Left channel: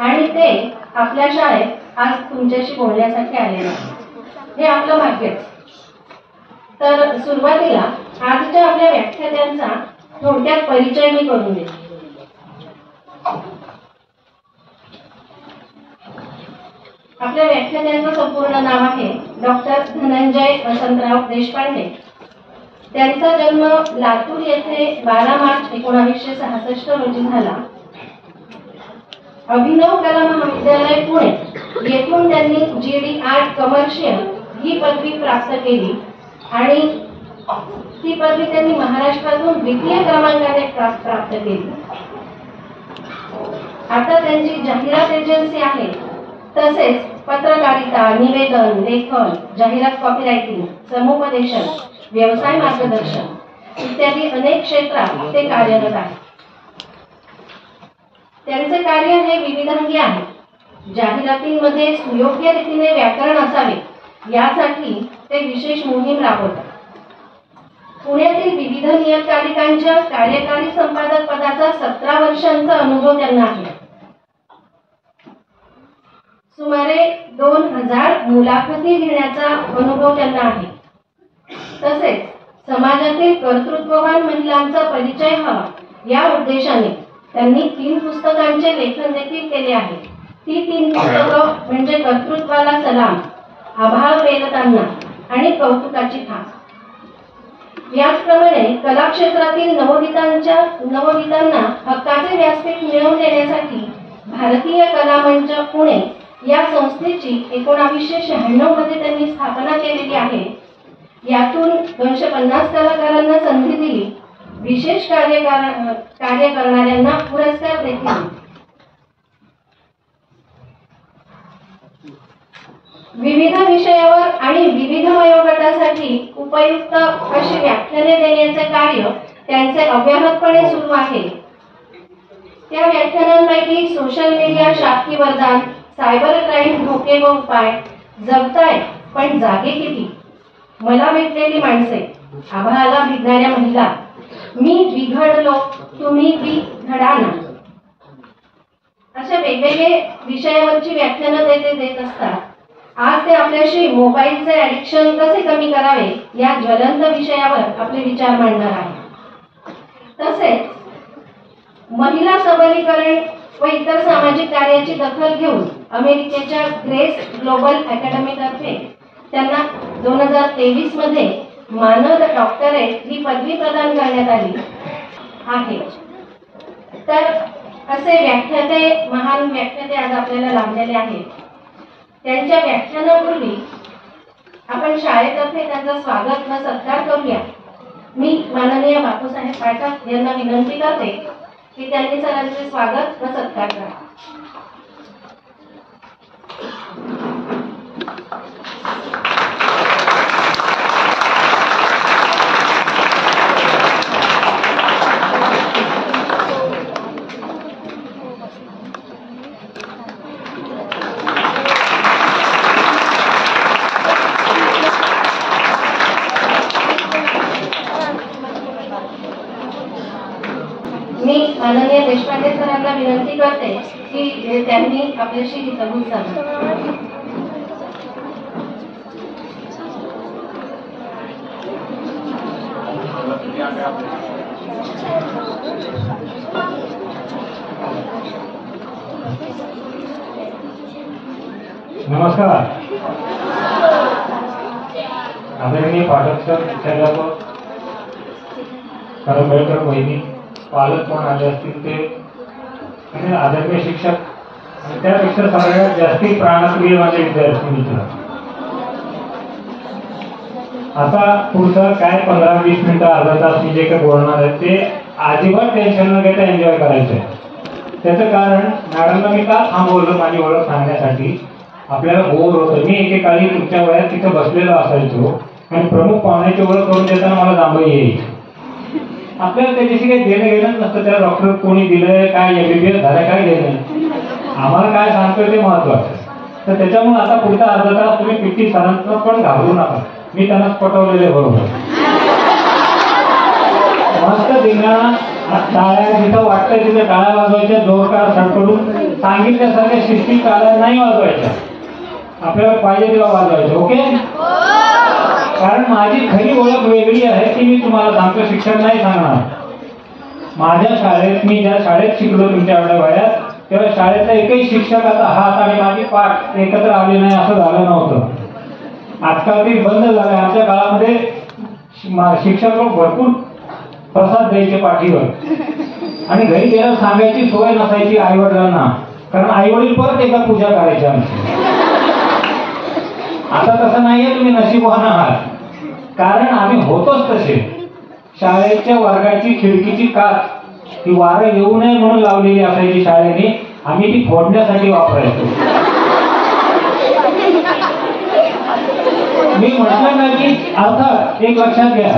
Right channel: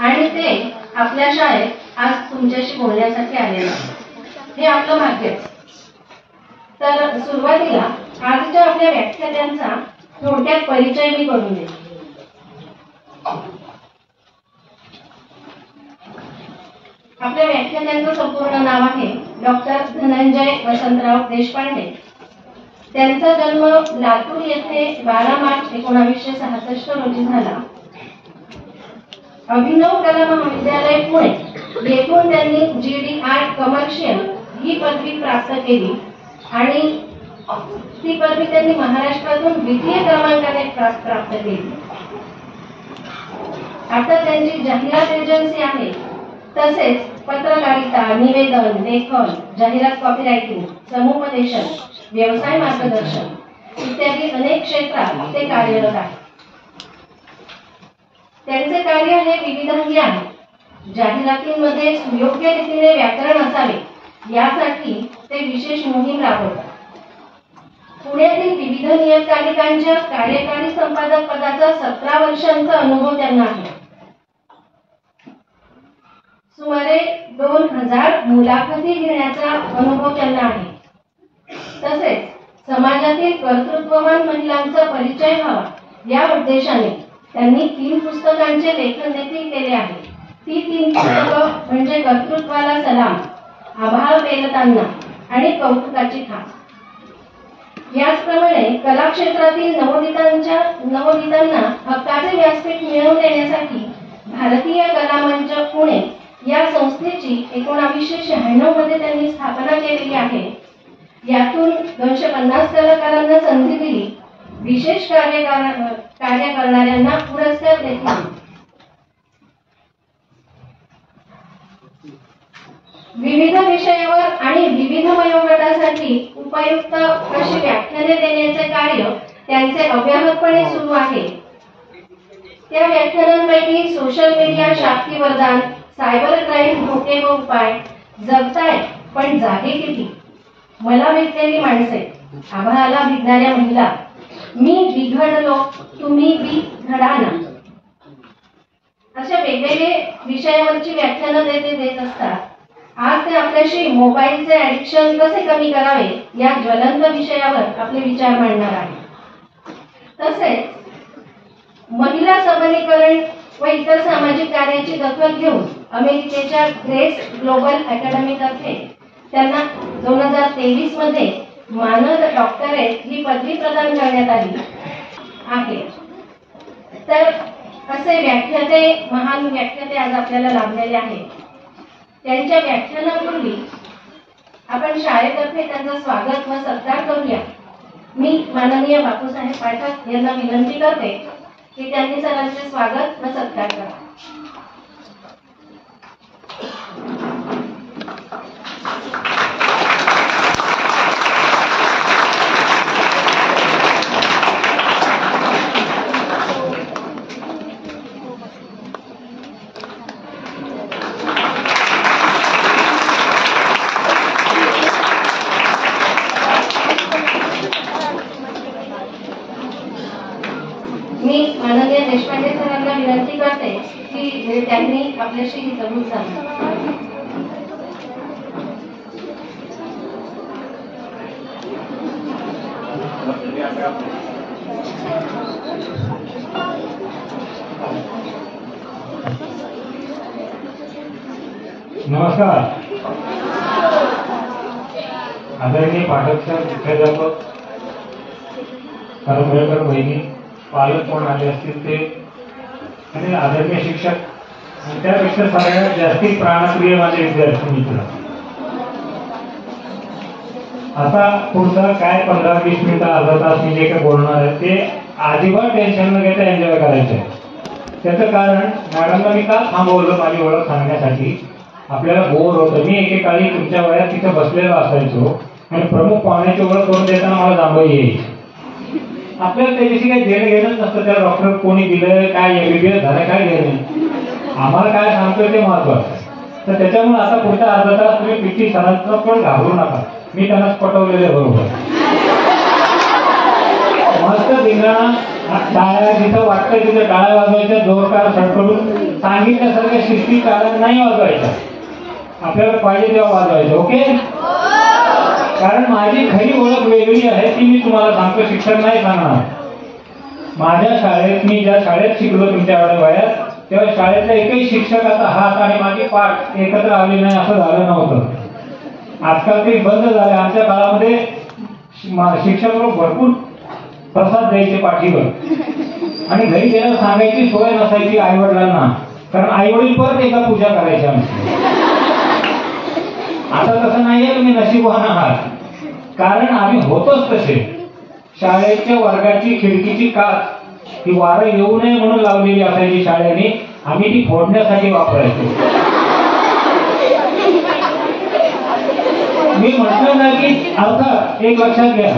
आणि ते आपल्या शाळेत आज तुमच्याशी बोलण्यासाठी आलेले आहेत। हे आपलं भाग्यच। तर सुरुवातीला आजच्या आपल्या व्याख्यात्यांचा थोडक्यात परिचय मी करून देते। आपल्या व्याख्यात्यांचं संपूर्ण नाव आहे डॉक्टर धनंजय वसंतराव देशपांडे। त्यांचा जन्म लातूर येथे 12 मार्च 1966 रोजी झाला। अभिनव कला महाविद्यालय पुणे येथून त्यांनी GD आर्ट कमर्शियल ही पदवी प्राप्त केली आणि ती पदवी त्यांनी महाराष्ट्रातून द्वितीय क्रमांकाने प्राप्त केली। आता त्यांची जाहिरात एजन्सी आहे, तसेच पत्रकारिता, निवेदन, लेखन, जाहिरात कॉपीरायटिंग, समुपदेशन, व्यवसाय मार्गदर्शन इत्यादी अनेक क्षेत्रात ते कार्यरत आहेत। त्यांचे कार्य हे विविधरंगी आहे। जाहिरातींमध्ये सुयोग्य रीतीने व्याकरण असावे यासाठी ते विशेष मोहीम राबवतात। पुण्यातील विविध नियतकालिकांच्या कार्यकारी संपादक पदाचा 17 वर्षांचा अनुभव त्यांना आहे। सुमारे 2000 मुलाखती घेण्याचा अनुभव त्यांना आहे। तसेच समाजातील कर्तृत्ववान महिलांचा परिचय व्हावा या उद्देशाने त्यांनी 3 पुस्तकांचे लेखन देखील केले आहे। ती 3 पुस्तकं म्हणजे कर्तृत्वाला सलाम, अभाव पेलताना आणि कौतुकाची थाप। याचप्रमाणे कला क्षेत्रातील नवोदितांना हक्काचे व्यासपीठ मिळवून देण्यासाठी भारतीय कला मंच पुणे या संस्थेची 1996 मध्ये त्यांनी स्थापना केलेली आहे। यातून 250 कलाकारांना संधी दिली। विशेष कार्य करणाऱ्यांना पुरस्कार देखील दिले। विविध विषयावर आणि विविध वयोगटासाठी उपयुक्त अशी व्याख्याने देण्याचे कार्य त्यांचे अव्याहतपणे सुरू आहे। त्या व्याख्यानांपैकी सोशल मीडिया शाक्ती वरदान, सायबर क्राईम धोके व उपाय, जगताय पण जागे किती, मला भेटलेली माणसे, आभाळाला भिडणाऱ्या महिला, मी बिघडलो तुम्ही बिघडा ना, अशा वेगवेगळे विषयावरची व्याख्यानं देत असतात। आज ते आपल्याशी मोबाईलचे ॲडिक्शन कसे कमी करावे या ज्वलंत विषयावर आपले विचार मांडणार आहे। तसेच महिला सबलीकरण व इतर सामाजिक कार्याची दखल घेऊन अमेरिकेच्या ग्रेस ग्लोबल अकॅडमी तर्फे त्यांना 2023 मध्ये मानद डॉक्टरेट ही पदवी प्रदान करण्यात आली आहे। तर असे व्याख्याते, महान व्याख्याते आज आपल्याला लाभलेले आहेत। त्यांच्या व्याख्यानापूर्वी आपण शाळेतर्फे त्यांचा स्वागत व सत्कार करूया। मी माननीय बापूसाहेब पाठक यांना विनंती करते की त्यांनी सरांचे स्वागत व सत्कार करा। मी माननीय देशपांडे सरांना विनंती करते की त्यांनी आपल्याशी ही संवाद साधावा। नमस्कार। आदरणीय पाठक सर, मुख्याध्यापक, करंबेळकर वहिनी, पालक कोण आले असतील ते आणि आदरणीय शिक्षक, त्यापेक्षा सगळ्यात जास्ती प्राणप्रिय माझे विद्यार्थी मित्र। आता पुढचा काय 15-20 मिनिटं, अर्धा तास मी जे काही बोलणार आहे ते अजिबात टेन्शन न घेता एन्जॉय करायचं आहे। त्याचं कारण मॅडमला मी का थांबवलं माझी ओळख सांगण्यासाठी, आपल्याला बोर होतं। मी एकेकाळी तुमच्या वयात तिथं बसलेलो असायचो आणि प्रमुख पाहुण्याची ओळख करून देताना मला जांभई यायची। आपल्याला त्याच्याशी काही घेणं घेणंच नसतं, त्याला डॉक्टर कोणी दिलं, काय MBBS झालं, काय घेणं नाही। आम्हाला काय सांगतोय ते महत्वाचं आहे। तर त्याच्यामुळे आता पुढचा अर्धा तास तुम्ही PT सरांचं पण घाबरू नका, मी त्यांना पटवलेले बरोबर। मस्त धिंगाणा, टाळ्या जिथं वाटतं वाटतंय तिथे टाळ्या वाजवायच्या, जोरदार सडकडून सांगितल्यासारख्या शिस्ती टाळ्या नाही वाजवायच्या, आपल्याला पाहिजे तेव्हा वाजवायचं. ओके. कारण माझी खरी ओळख वेगळी आहे ती मी तुम्हाला सांगतो, शिक्षक नाही सांगणार. माझ्या शाळेत, मी ज्या शाळेत शिकलो तुमच्या एवढ्या वयात, तेव्हा शाळेतला एकही शिक्षक आता हात आणि माझी पाठ एकत्र आली नाही असं झालं नव्हतं. आजकाल ते बंद झालं. आमच्या काळामध्ये शिक्षक लोक भरपूर प्रसाद द्यायचे पाठीवर आणि घरी गेल्यावर सांगायची सोय नसायची आई वडिलांना, कारण आई वडील परत एकदा पूजा करायची आमची. आता तसं नाहीये, तुम्ही नशीबवान आहात, कारण आम्ही होतोच तसे. शाळेच्या वर्गाची खिडकीची काच ही वारं येऊ नये म्हणून लावलेली असायची शाळेने, आम्ही ती फोडण्यासाठी वापरायचो. मी म्हटलं ना की अर्थात एक लक्षात घ्या,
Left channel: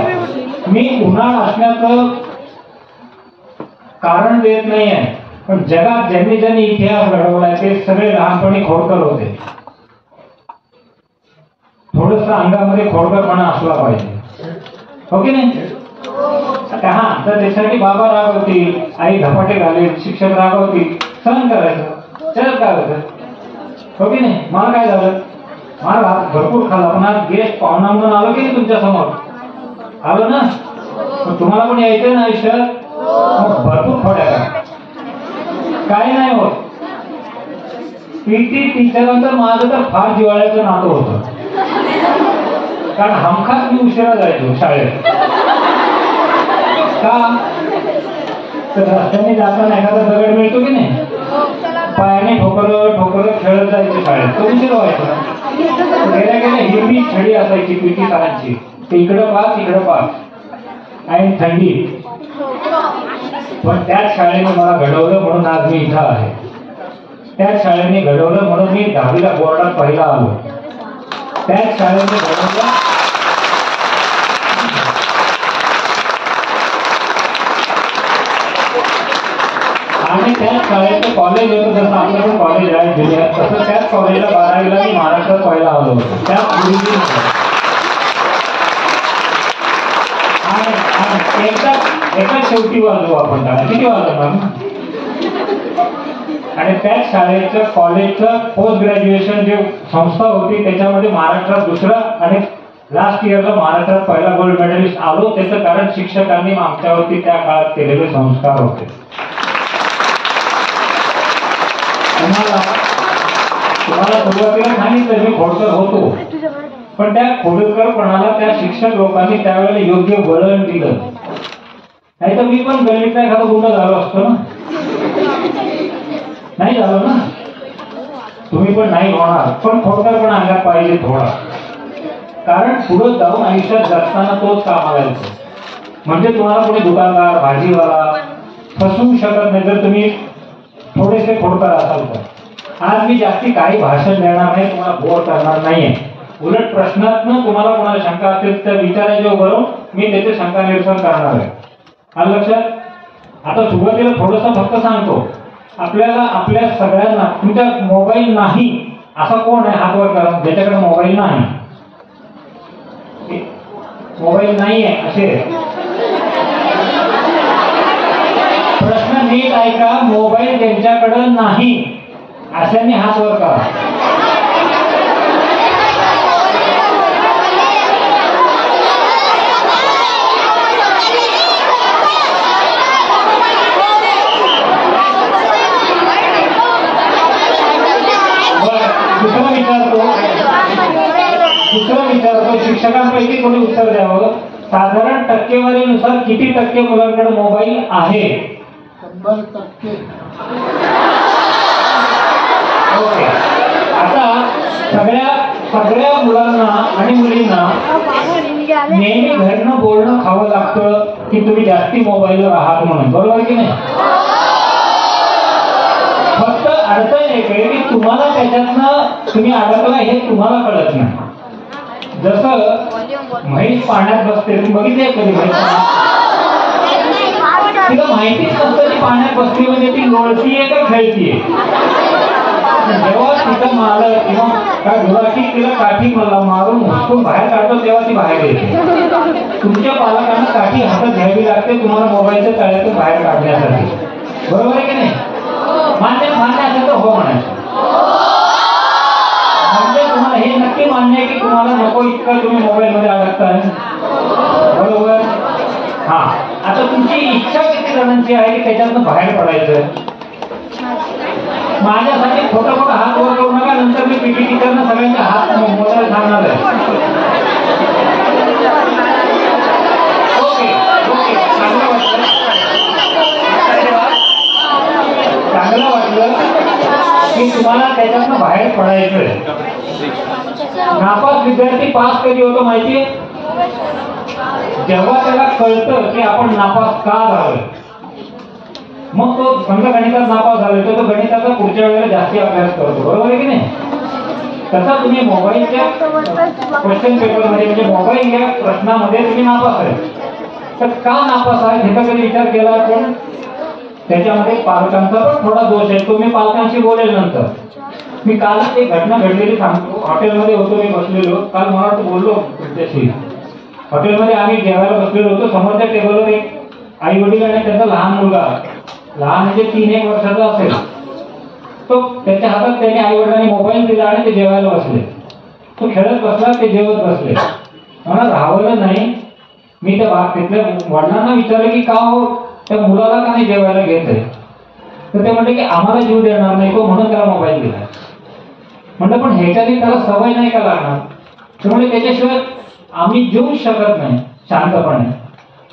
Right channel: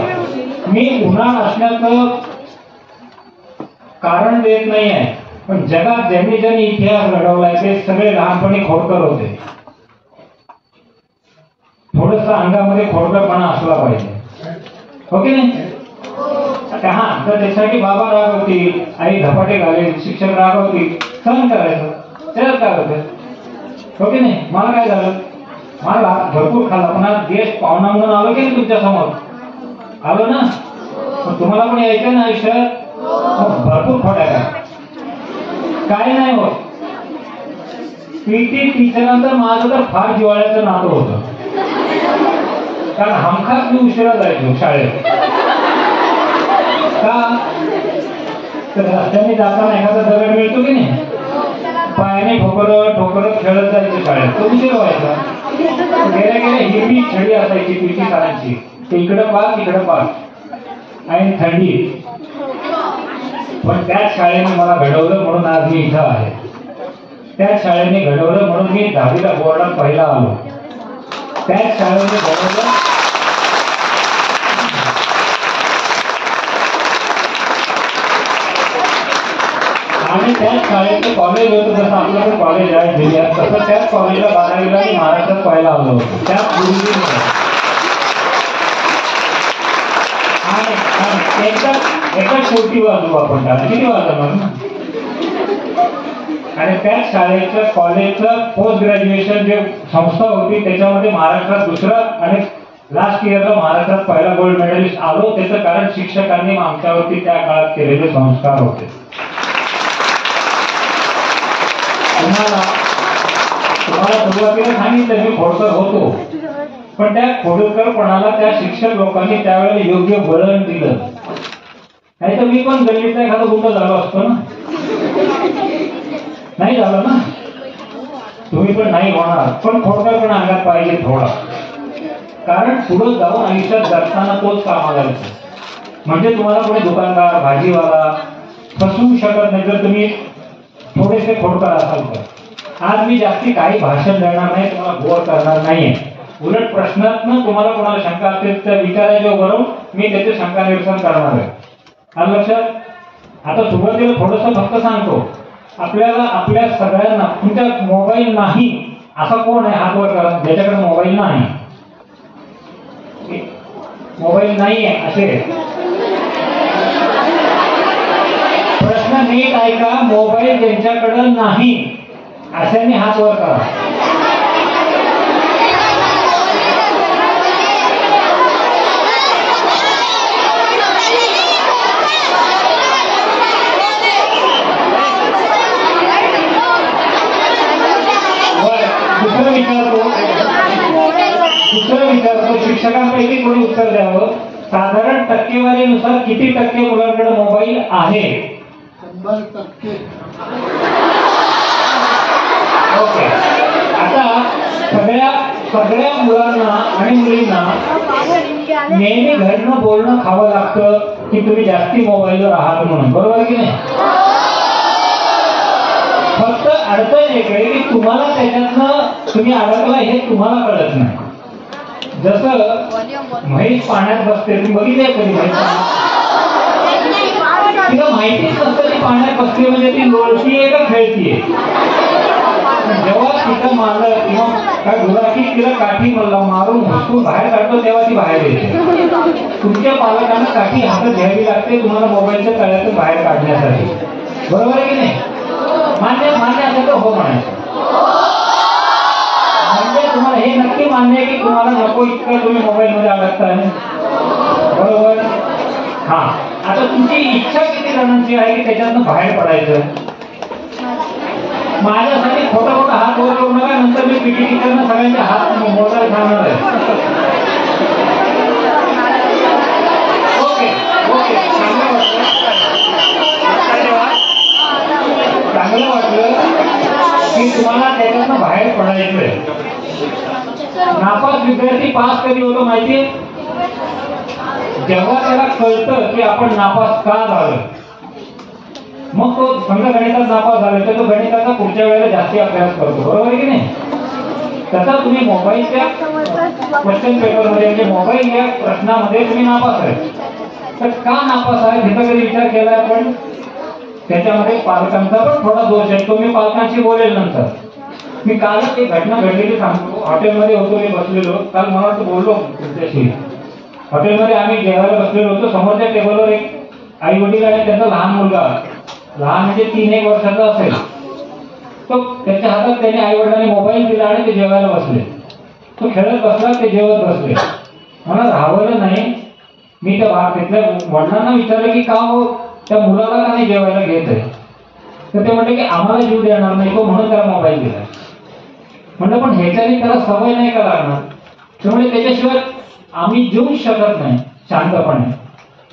मी उन्हाळा असण्याचं कारण देत नाही आहे, पण जगात ज्यांनी ज्यांनी इतिहास घडवलाय ते सगळे लहानपणी खोडकर होते. थोडस अंगामध्ये खोडकरपणा असला पाहिजे, हो की नाही? हा, तर त्यासाठी बाबा रागवतील, आई धपाटे घालेल, शिक्षक रागवतील, सहन करायचं, त्याला काय होतं, हो की नाही? मला काय झालं, मला भरपूर खाल्ला, पण आज गेस्ट पाहुणा म्हणून आलो की नाही तुमच्या समोर, आलो ना? तुम्हाला पण यायचंय ना आयुष्यात, भरपूर खोड्या काय नाही होत. पीटी टीचरांचं माझं तर फार जिव्हाळ्याचं नातं होतं, कारण हमखास मी उशिरा जायचो शाळेत. का तर रस्त्याने जाताना एखादा दगड मिळतो की नाही, पायाने ठोकरत ठोकरत खेळत जायचं शाळेत, तो उशीर व्हायचा. गेल्या गेल्या हिरवी छडी असायची पीटी सरांची, ते इकडं पास इकडं पास आणि थंडी. पण त्याच शाळेने मला घडवलं म्हणून आज मी इथं आहे. त्याच शाळेने घडवलं म्हणून मी 10वीला बोर्डात पहिला आलो. त्याच शाळेने घडवलं आणि त्याच शाळेचं कॉलेज होतं, जसं आपलं कॉलेज आहे जिल्ह्यात, तसं त्याच कॉलेजला 12वीला मी महाराष्ट्रात पहिला आलो होतो. त्या एका शेवटी वाजू आपण त्याला, किती वाजवणार ना? आणि त्याच शाळेचं कॉलेजचं पोस्ट ग्रॅज्युएशन जे संस्था होती त्याच्यामध्ये महाराष्ट्रात दुसरं आणि लास्ट इयरला महाराष्ट्रात पहिला गोल्ड मेडलिस्ट आलो. त्याचं कारण शिक्षकांनी आमच्यावरती त्या काळात केलेले संस्कार होते. तुम्हाला सुरुवातीला सांगितलं मी खोडकर होतो, पण त्या खोडकरपणाला त्या शिक्षक लोकांनी त्यावेळेला योग्य वळण दिलं, नाही तर मी पण गल्लीचा एखादा गुन्हा झालो असतो ना, नाही झालं ना. तुम्ही पण नाही होणार, पण खोडकर पण अंगात पाहिजे थोडा, कारण पुढे जाऊन आयुष्यात जगताना तोच कामाला येतो. म्हणजे तुम्हाला कोणी दुकानदार भाजीवाला फसवू शकत नाही जर तुम्ही थोडेसे खोडकर असाल तर. आज मी जास्ती काही भाषण देणार नाही, तुम्हाला बोर करणार नाहीये. उलट प्रश्नातनं तुम्हाला कोणाला शंका असेल तर विचारायच्या बरोबर मी त्याचे शंका निरसन करणार आहे. आलं लक्षात? आता सुरुवातीला थोडंसं फक्त सांगतो, आपल्याला आपल्या सगळ्यांना तुमच्या मोबाईल नाही असा कोण आहे हात वर करा ज्याच्याकडे मोबाईल नाही. मोबाईल नाही आहे असे प्रश्न नीट ऐका. मोबाईल ज्यांच्याकडे नाही अशाने हात वर करा. दुसरं विचारतो शिक्षकांपैकी कोणी उत्तर द्यावं. साधारण टक्केवारीनुसार किती टक्के मुलांकडे मोबाईल आहे? 100%. ओके. आता सगळ्या मुलांना आणि मुलींना नेहमी घरनं बोलणं खावं लागतं की तुम्ही जास्ती मोबाईलवर आहात म्हणून, बरोबर की नाही? फक्त अडचण एक आहे की तुम्हाला त्याच्यातनं तुम्ही अडकला हे तुम्हाला कळत नाही. जसं म्हैस पाण्यात बसते, तुम्ही बघितले कधी म्हैस तिला माहितीच नसतं ती पाण्यात बसते म्हणजे ती लोळतीये का खेळतीये. जेव्हा तिचा मालक किंवा काय गुराखी तिला काठी मारून हुसकून बाहेर काढतो तेव्हा ती बाहेर येते. तुमच्या पालकांना काठी हातात घ्यावी लागते तुम्हाला मोबाईलच्या तळ्यातून बाहेर काढण्यासाठी. बरोबर आहे की नाही? मान्य असेल तर हो म्हणायचं. म्हणजे तुम्हाला हे नक्की मान्य आहे की तुम्हाला नको इतकं तुम्ही मोबाईल मध्ये अडकताय, बरोबर? हा, आता तुमची इच्छा किती जणांची आहे की त्याच्यातनं बाहेर पडायचं? माझ्यासाठी खोटा खोटा हात वर करू नका, नंतर मी पीटी टीचरना सगळ्यांचे हात मोजायला सांगणार आहे. ओके ओके, चांगलं वाटलं की तुम्हाला त्याच्यातनं बाहेर पडायचंय. नापास विद्यार्थी पास कधी होतो माहितीये? जेव्हा त्याला कळतं की आपण नापास का झालो, मग तो समजा गणितात नापास झाले तर तो गणिताचा पुढच्या वेळेला जास्ती अभ्यास करतो, बरोबर आहे की नाही? तसा तुम्ही मोबाईलच्या क्वेश्चन पेपरमध्ये म्हणजे मोबाईल या प्रश्नामध्ये तुम्ही नापास आहे, तर का नापास आहे ह्याचा कधी विचार केला आपण? त्याच्यामध्ये पालकांचा पण थोडा दोष आहे, तो मी पालकांशी बोलेल नंतर. मी कालच एक घटना घडलेली सांगतो. हॉटेलमध्ये होतो, मी बसलेलो, काल मला वाटतं बोललो तुमच्याशी. हॉटेलमध्ये आम्ही जेवायला बसलेलो होतो, समोरच्या टेबलवर एक आई वडील आणि त्यांचा लहान मुलगा, लहान म्हणजे 3-1 वर्षाचा असेल, तो त्याच्या हातात त्याने आई वडिलांनी मोबाईल दिला आणि ते जेवायला बसले. तो खेळत बसला, ते जेवत बसले. मला राहवलं नाही. मी त्या तिथल्या वडिलांना विचारलं की का हो त्या मुलाला का नाही जेवायला घेत आहे? तर ते म्हणले की आम्हाला जीव देणार नाही तो, म्हणून त्याला मोबाईल दिला. म्हणलं पण ह्याच्याने त्याला सवय नाही का लागणार? त्यामुळे त्याच्याशिवाय आम्ही जेवूच शकत नाही शांतपणे.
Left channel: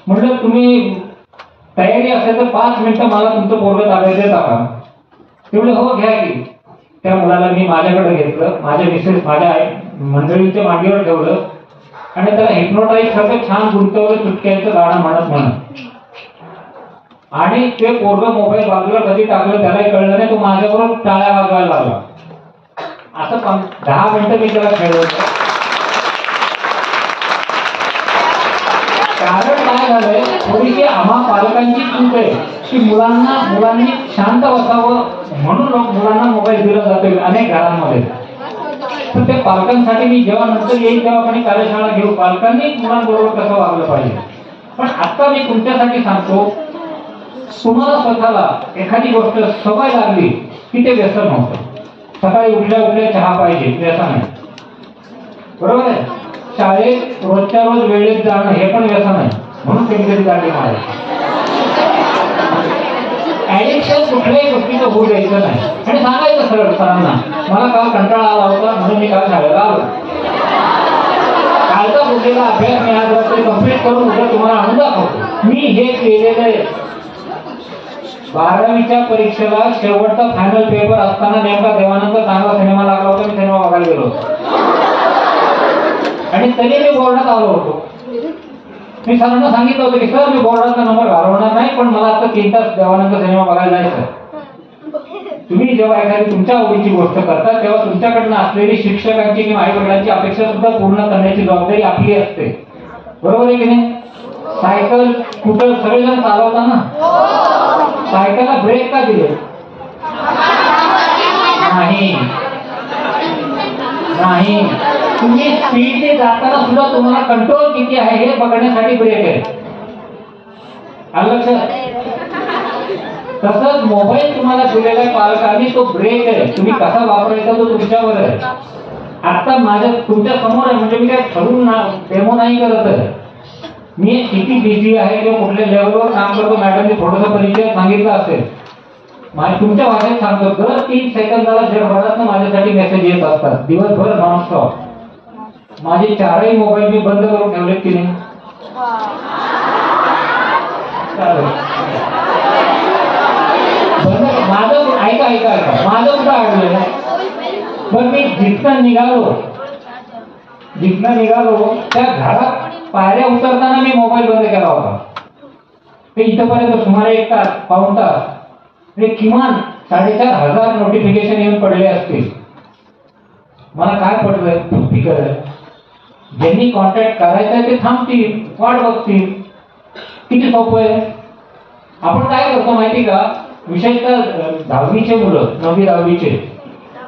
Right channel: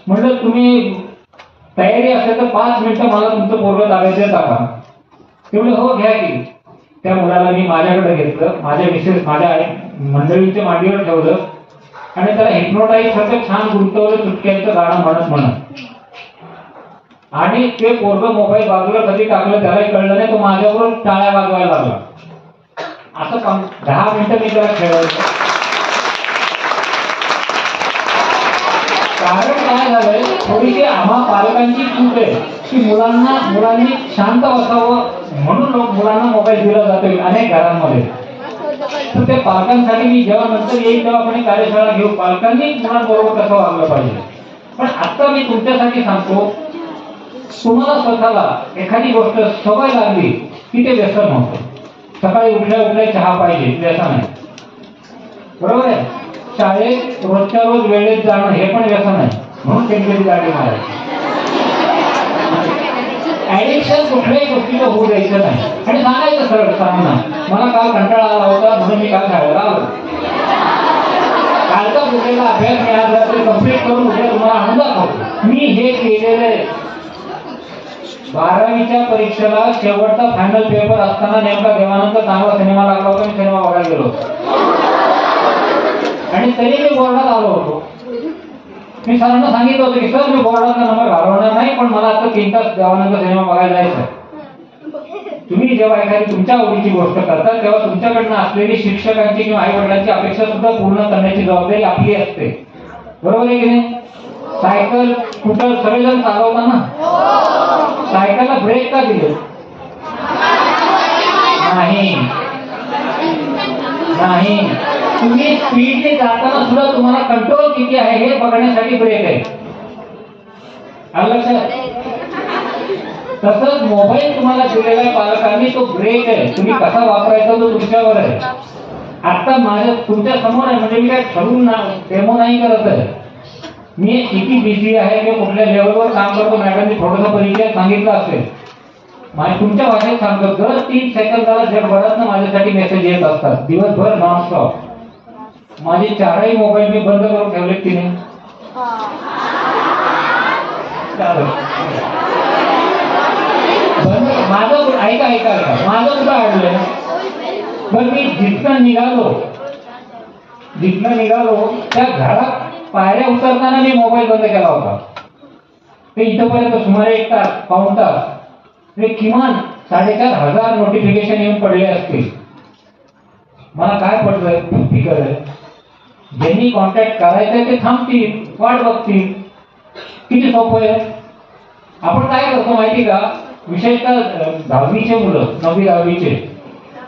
म्हटलं तुम्ही तयारी असेल तर 5 मिनिटं मला तुमचं पोरगं ताब्यात देता का? तेवढे हो घ्या की. त्या मुलाला मी माझ्याकडे घेतलं, माझ्या मिसेस माझ्या मंडळींच्या मांडीवर ठेवलं आणि त्याला हिप्नोटाईज सारखं छान गुंतवलं चुटक्यांचं गाणं म्हणत. आणि ते पोरगं मोबाईल बाजूला कधी टाकलं त्यालाही कळलं नाही, तो माझ्याबरोबर टाळ्या वाजवायला लागला. असं 10 मिनिटं मी त्याला खेळवलं. कारण काय झालंय, थोडीशी आम्हा पालकांची चूक आहे की मुलांनी शांत बसावं म्हणून मुलांना मोबाईल दिला जातोय अनेक घरांमध्ये. तर त्या पालकांसाठी मी जेव्हा नंतर येईल तेव्हा कोणी कार्यशाळा घेऊ, पालकांनी मुलांबरोबर कसं वागलं पाहिजे. पण आता मी तुमच्यासाठी सांगतो, तुम्हाला स्वतःला एखादी गोष्ट सवय लागली की ते व्यसन होतं. सकाळी उठल्या चहा पाहिजे, व्यसन आहे, बरोबर आहे? शाळेत रोजच्या रोज वेळेत जाणं हे पण व्यसन आहे, म्हणून त्यांची गाडी मारायची. ऍडिक्शन कुठल्याही गोष्टीचं होऊ द्यायचं नाही आणि सांगायचं सरळ सरांना, मला काल कंटाळा आला होता म्हणून मी काल शाळेला आलो. कालचा उठलेला अभ्यास मी आज रात्री कंप्लीट करून उद्या तुम्हाला आणून दाखवतो. मी हे केलेलं आहे. 12वीच्या परीक्षेला शेवटचा फायनल पेपर असताना नेमका देवानंद चांगला सिनेमा लागला होता, मी सिनेमा बघायला गेलो होतो आणि तरी मी बोर्डात आलो होतो. मी सरांना सांगितलं होतं की सर मी बोर्डाचा नंबर घालवणार नाही, पण मला आता 3 तास देवानंद सिनेमा बघायला जायचं. तुम्ही जेव्हा एखादी तुमच्या आवडीची गोष्ट करता तेव्हा तुमच्याकडनं असलेली शिक्षकांची किंवा आई वडिलांची अपेक्षा सुद्धा पूर्ण करण्याची जबाबदारी आपली असते, बरोबर आहे की नाही? सायकल स्कूटर सगळेजण चालवता ना, सायकलला ब्रेक का दिले नाही? तुम्ही स्पीडने जाताना सुद्धा तुम्हाला कंट्रोल किती आहे हे बघण्यासाठी ब्रेक आहे. आलं लक्षात? तसंच मोबाईल तुम्हाला दिलेला आहे पालकांनी, तो ब्रेक आहे. तुम्ही कसा वापरायचा तो तुमच्यावर आहे. आता माझ्या तुमच्या समोर आहे, म्हणजे मी काय ठरवून डेमो नाही करत आहे. मी किती बिझी आहे किंवा कुठल्या लेवलवर काम करतो, मॅडमनी थोडंसं परिचय सांगितलं असेल. तुमच्या भाषेत सांगतो, दर 3 सेकंदाला जगभरातनं माझ्यासाठी मेसेज येत असतात, दिवसभर नॉनस्टॉप. माझे 4ही मोबाईल मी बंद करून ठेवलेत की नाही? माझं ऐका माझं कुठं अडलंय? पण मी जिथनं निघालो त्या घरात पायऱ्या उतरताना मी मोबाईल बंद केला होता. ते इथपर्यंत सुमारे 1 तास, पाऊण तास, म्हणजे किमान 4,500 नोटिफिकेशन येऊन पडले असतील. मला काय पडलंय? फिकर आहे. ज्यांनी कॉन्टॅक्ट करायचंय ते थांबतील, वाट बघतील. किती सोपं आहे. आपण काय करतो माहिती का? विशेषतः 10वीचे मुलं, 9वी-10वीचे,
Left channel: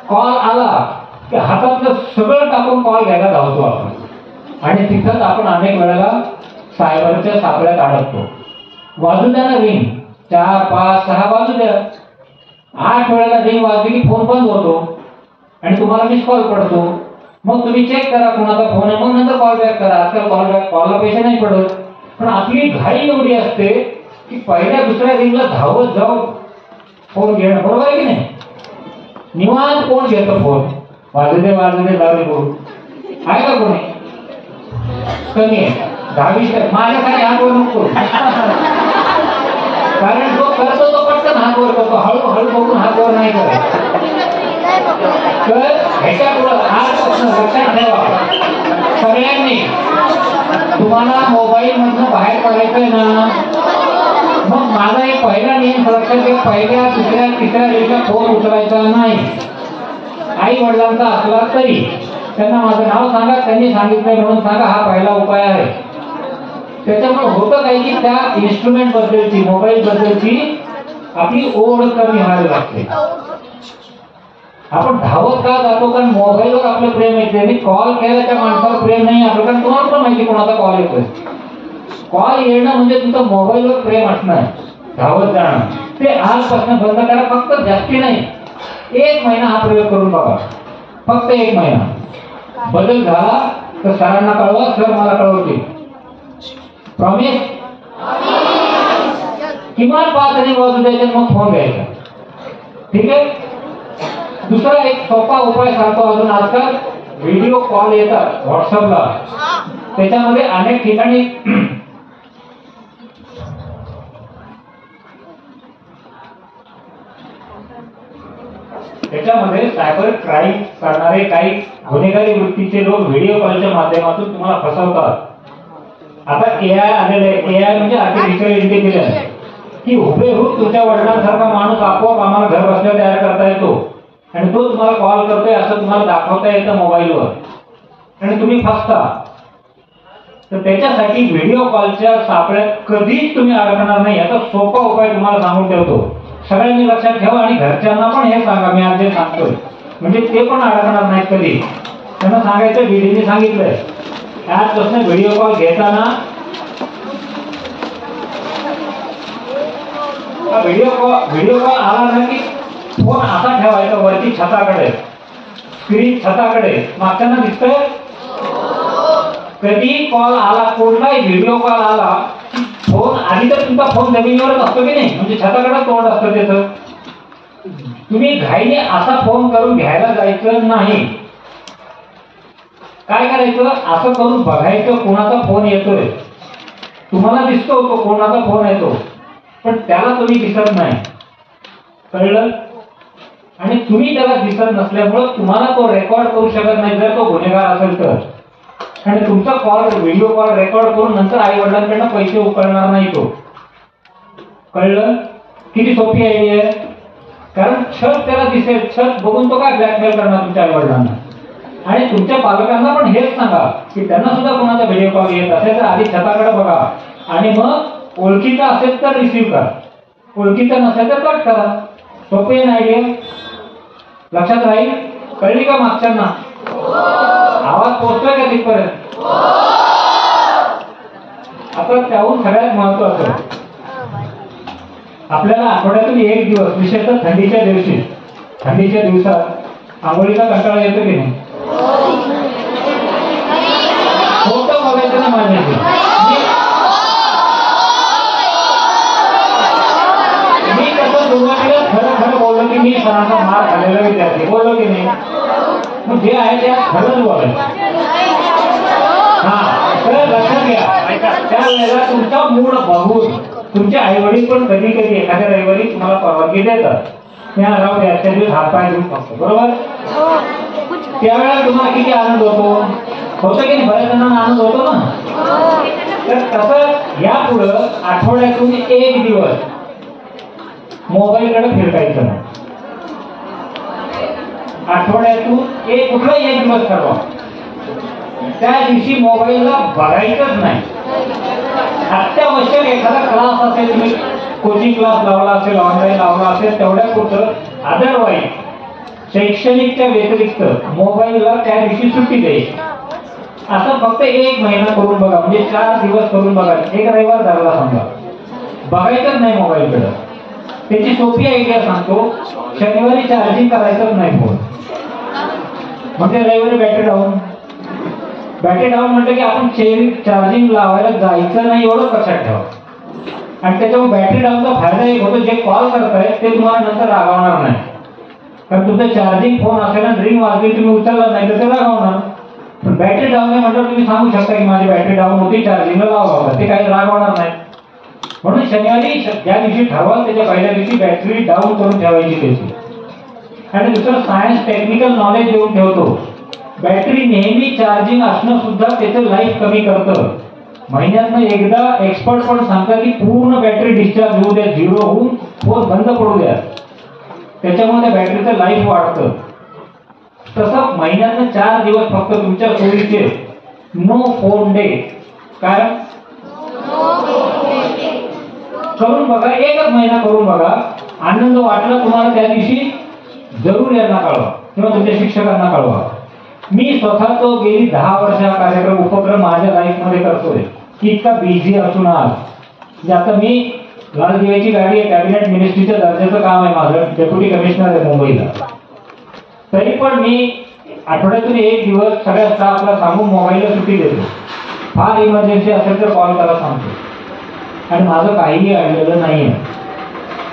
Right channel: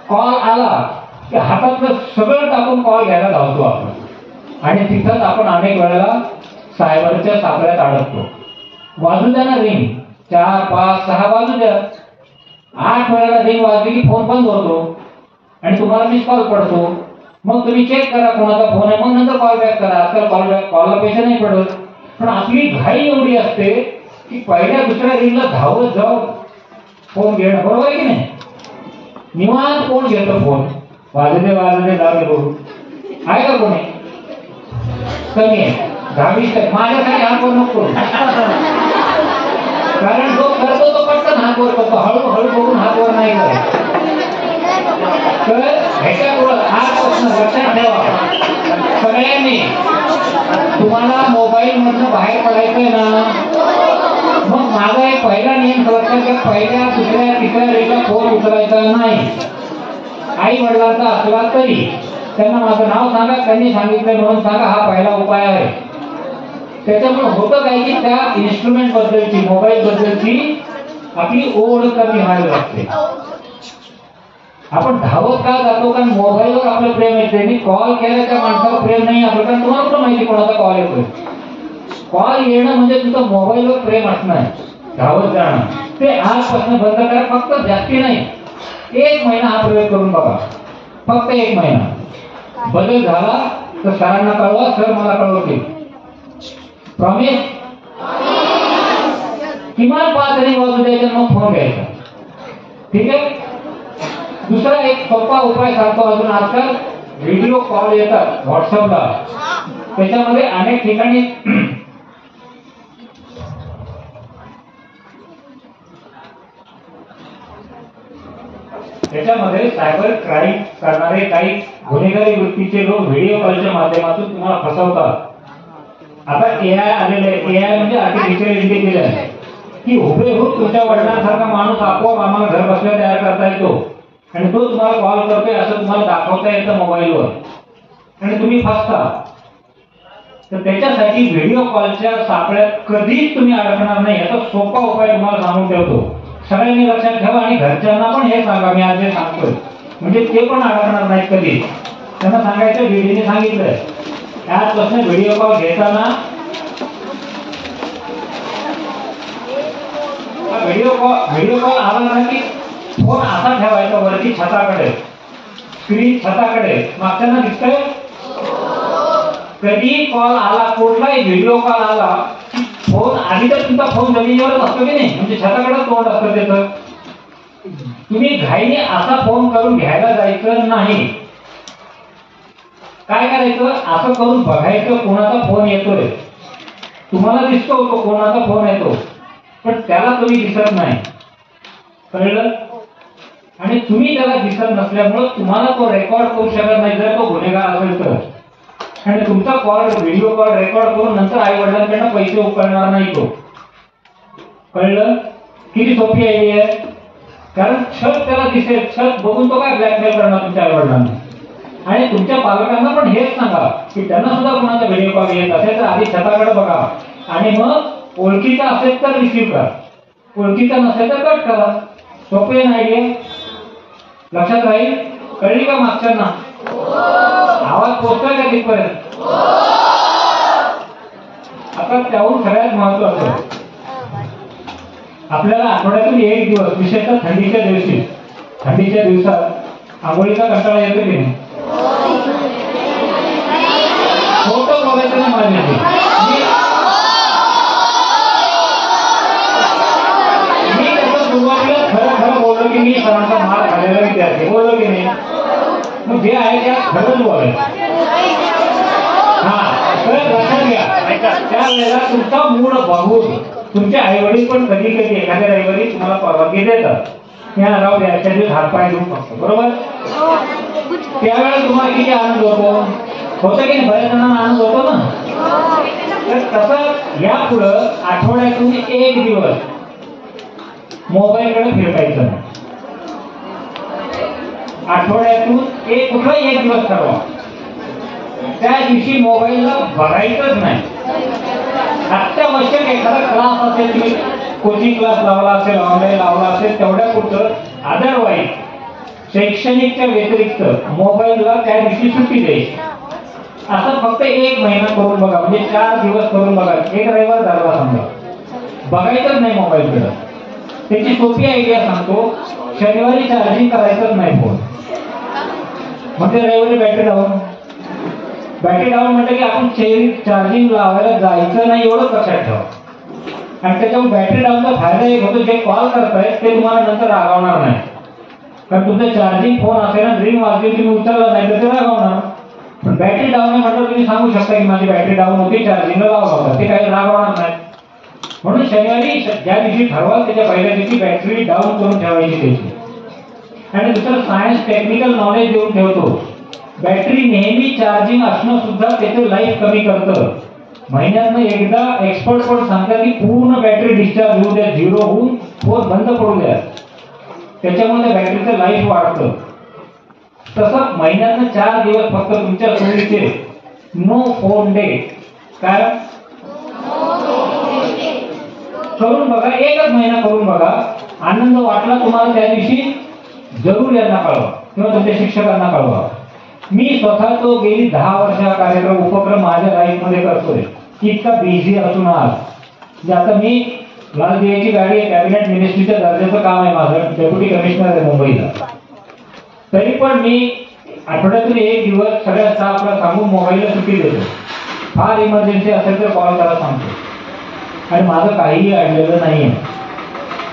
कॉल आला की हातातलं सगळं टाकून कॉल घ्यायला धावतो आपण आणि तिथंच आपण अनेक वेळेला सायबरच्या सापळ्यात अडकतो. वाजू द्या ना रिंग, 4, 5, 6 वाजू द्या, 8 वेळेला रिंग वाजली की फोन बंद होतो आणि तुम्हाला मिस कॉल पडतो. मग तुम्ही चेक करा कोणाचा फोन आहे, मग नंतर कॉल बॅक करा. आजकाल कॉलला पैसे नाही पडत. पण आपली घाई एवढी असते की पहिल्या दुसऱ्या रिंगला धावत जाऊन फोन घेणं, बरोबर आहे की नाही? निवांत कोण घेतं फोन? वाजते जाऊ करू आहे का कोणी? कमी आहे. 10-20 माझ्यासाठी हात वर नको. कारण जो करतो तो पटकन हात वर करतो, हळूहळू बघून हात वर नाही करत. तर ह्याच्या पुढं आजपासून लक्षात ठेवा सगळ्यांनी, तुम्हाला मोबाईल मधनं बाहेर पडायचंय ना, मग माझा एक पहिला नियम लक्षात घ्या, पहिल्या दुसऱ्या तिसऱ्या वेळेला फोन उचलायचा नाही. आई वडिलांचा असला तरी त्यांना माझं नाव सांगा, त्यांनी सांगितलं म्हणून सांगा, हा पहिला उपाय आहे. त्याच्यामुळे होतं काय की त्या इन्स्ट्रुमेंट बद्दलची, मोबाईल बद्दलची आपली ओढ कमी व्हायला लागते. आपण धावत का जातो? कारण मोबाईलवर आपलं प्रेम येते. मी कॉल केल्याच्या माणसावर प्रेम नाही आपलं, कारण तुम्हाला पण माहिती कोणाचा कॉल येतोय. कॉल येणं म्हणजे तुमचं मोबाईलवर प्रेम असणार, धावत जाणं. ते आजपासून बंद करा. फक्त जास्ती नाही, 1 महिना हा प्रयोग करून बघा. फक्त 1 महिना. बदल झाला तर सरांना कळवा, सर मला कळवतील. प्रॉमिस? किमान 5 रिंग वाजू द्यायचे, मग फोन घ्यायचा. ठीक आहे? दुसरा एक सोपा उपाय सांगतो अजून. आजकाल व्हिडिओ कॉल येतात व्हॉट्सअपला, त्याच्यामध्ये अनेक ठिकाणी त्याच्यामध्ये सायबर क्राईम करणारे काही गुन्हेगारी वृत्तीचे लोक व्हिडिओ कॉलच्या माध्यमातून तुम्हाला फसवतात. आता एआय आलेलं आहे. एआय म्हणजे आर्टिफिशियल इंटेलिजन्स, की हुबेहूब तुमच्या वडिलांसारखा माणूस आपोआप आम्हाला घर बसल्या तयार करता येतो आणि तो तुम्हाला कॉल करतोय असं तुम्हाला दाखवता येतं मोबाईलवर आणि तुम्ही फसता. तर त्याच्यासाठी व्हिडिओ कॉलच्या सापळ्यात कधीच तुम्ही अडकणार नाही. याचा सोपा उपाय तुम्हाला सांगून ठेवतो. सगळ्यांनी लक्षात ठेवा आणि घरच्यांना पण हे सांगा मी आज जे सांगतोय, म्हणजे ते पण अडकणार नाहीत कधी. त्यांना सांगायचं व्हिडिओने सांगितलंय, आजपासून व्हिडिओ कॉल घेताना व्हिडिओ कॉल आला ना की फोन असा ठेवायचा वरती छताकडे, स्क्रीन छताकडे. मागच्यांना दिसतंय? कधी कॉल आला, कोणताही व्हिडिओ कॉल आला, फोन आधी तर तुमचा फोन जमिनीवरच असतो की नाही, म्हणजे छताकडे तोंड असतं त्याचं. तुम्ही घाईने असा फोन करून घ्यायला जायचं नाही. काय करायचं? असं करून बघायचं कोणाचा फोन येतोय. तुम्हाला दिसतो तो कोणाचा फोन येतो, पण त्याला तुम्ही दिसत नाही. कळलं? आणि तुम्ही त्याला दिसत नसल्यामुळे तुम्हाला तो रेकॉर्ड करू शकत नाही जर तो गुन्हेगार असेल तर. आणि तुमचा कॉल, व्हिडिओ कॉल रेकॉर्ड करून नंतर आई वडिलांकडनं पैसे उकळणार नाही तो. कळलं? किती सोपी आयडिया आहे. कारण छत त्याला दिसेल, छत बघून तो काय ब्लॅकमेल करणार तुमच्या आई वडिलांना. आणि तुमच्या पालकांना पण हेच सांगा की त्यांना सुद्धा कोणाचा व्हिडिओ कॉल येत असेल तर आधी छताकडे बघा आणि मग ओळखीचा असेल तर रिसीव्ह करा, ओळखीचा नसेल तर कट करा. सोपी आहे ना आयडिया? लक्षात राहील? कळली का मागच्यांना? आवाज पोहोचतोय का तिथपर्यंत? आता त्याहून सगळ्यात महत्वाचं, आपल्याला आठवड्यातून 1 दिवस, विशेषतः थंडीच्या दिवसात आंघोळीचा कंटाळा येतो की नाही? खोटं बघायचं नाही माझ्याशी. मी कसं सुरुवातीला खरं बोललो की मी सरांचा मार खाल्लेला विद्यार्थी, बोललो की नाही? मग जे आहे ते खरंच बोलायचं. हा, तर लक्षात घ्या, त्यावेळेला तुमचा मूड बघून तुमचे आई वडील पण कधी कधी एखाद्या रविवारी तुम्हाला परवानगी देतात. राहू द्या, आजच्या दिवस हातपाय घेऊन बघतो, बरोबर? त्यावेळेला तुम्हाला किती आनंद होतो की नाही? बऱ्याच जणांना आनंद होतो ना. तर तसं यापुढं आठवड्यातून 1 दिवस मोबाईलकडे फिरकायचं. आठवड्यातून कुठलाही 1 दिवस ठरवा, त्या दिवशी मोबाईलला बघायचंच नाही. अत्यावश्यक एखादा क्लास असेल, तुम्ही कोचिंग क्लास लावला असेल, ऑनलाईन लावला असेल, तेवढ्या पुरतं. अदरवाईज शैक्षणिकच्या व्यतिरिक्त मोबाईलला त्या दिवशी सुट्टी द्यायची. असं फक्त 1 महिना करून बघा, म्हणजे 4 दिवस करून बघा. एक रविवार झाला समजा, बघायचंच नाही मोबाईलकडे. त्याची सोपी आयडिया सांगतो, शनिवारी चार्जिंग करायचंच नाही फोन, म्हणजे रविवारी बॅटरी डाऊन म्हटलं की आपण चार्जिंग लावायला जायचं नाही एवढं लक्षात ठेवा. आणि त्याच्यामुळे बॅटरी डाऊनचा फायदा एक होतो, जे कॉल करताय ते तुम्हाला नंतर रागवणार नाही, कारण तुमचा चार्जिंग फोन असेल ना, रिंग वाजली तुम्ही उचलला नाही तर ते रागवणार. पण बॅटरी डाऊन आहे म्हटलं तुम्ही सांगू शकता की माझी बॅटरी डाऊन होती, चार्जिंगला लावा, ते काही रागवणार नाही. म्हणून शनिवारी ज्या दिवशी ठरवा त्याच्या पहिल्या दिवशी बॅटरी डाऊन करून ठेवायची त्याची. आणि दुसरं सायन्स टेक्निकल नॉलेज देऊन ठेवतो, बॅटरी नेहमी चार्जिंग असणं सुद्धा त्याचं लाईफ कमी करतं. महिन्यातनं एकदा एक्सपर्ट पण सांगतात की पूर्ण बॅटरी डिस्चार्ज होऊ द्या, 0 होऊन फोन बंद पडू द्या, त्याच्यामुळे त्या बॅटरीचं लाईफ वाढतं. तसं महिन्यातनं 4 दिवस फक्त तुमच्या सोयीचे नो फोन डे काय करून बघा, एकच महिना करून बघा. आनंद वाटला तुम्हाला त्या दिवशी जरूर यांना कळवा किंवा तुमच्या शिक्षकांना कळवा. मी स्वतः तो गेली 10 वर्ष हा कार्यक्रम उपक्रम माझ्या लाईफ मध्ये करतोय, इतका बिझी असून आज. म्हणजे आता मी लाल दिव्याची गाडी आहे, कॅबिनेट मिनिस्ट्रीच्या दर्जाचं काम आहे माझं, डेप्युटी कमिशनर आहे मुंबईला. तरी पण मी आठवड्यातून 1 दिवस सगळ्या स्टाफला सांगून मोबाईलला सुट्टी देतो. फार इमर्जन्सी असेल तर कॉल करा सांगतो. आणि माझं काहीही अडलेलं नाहीये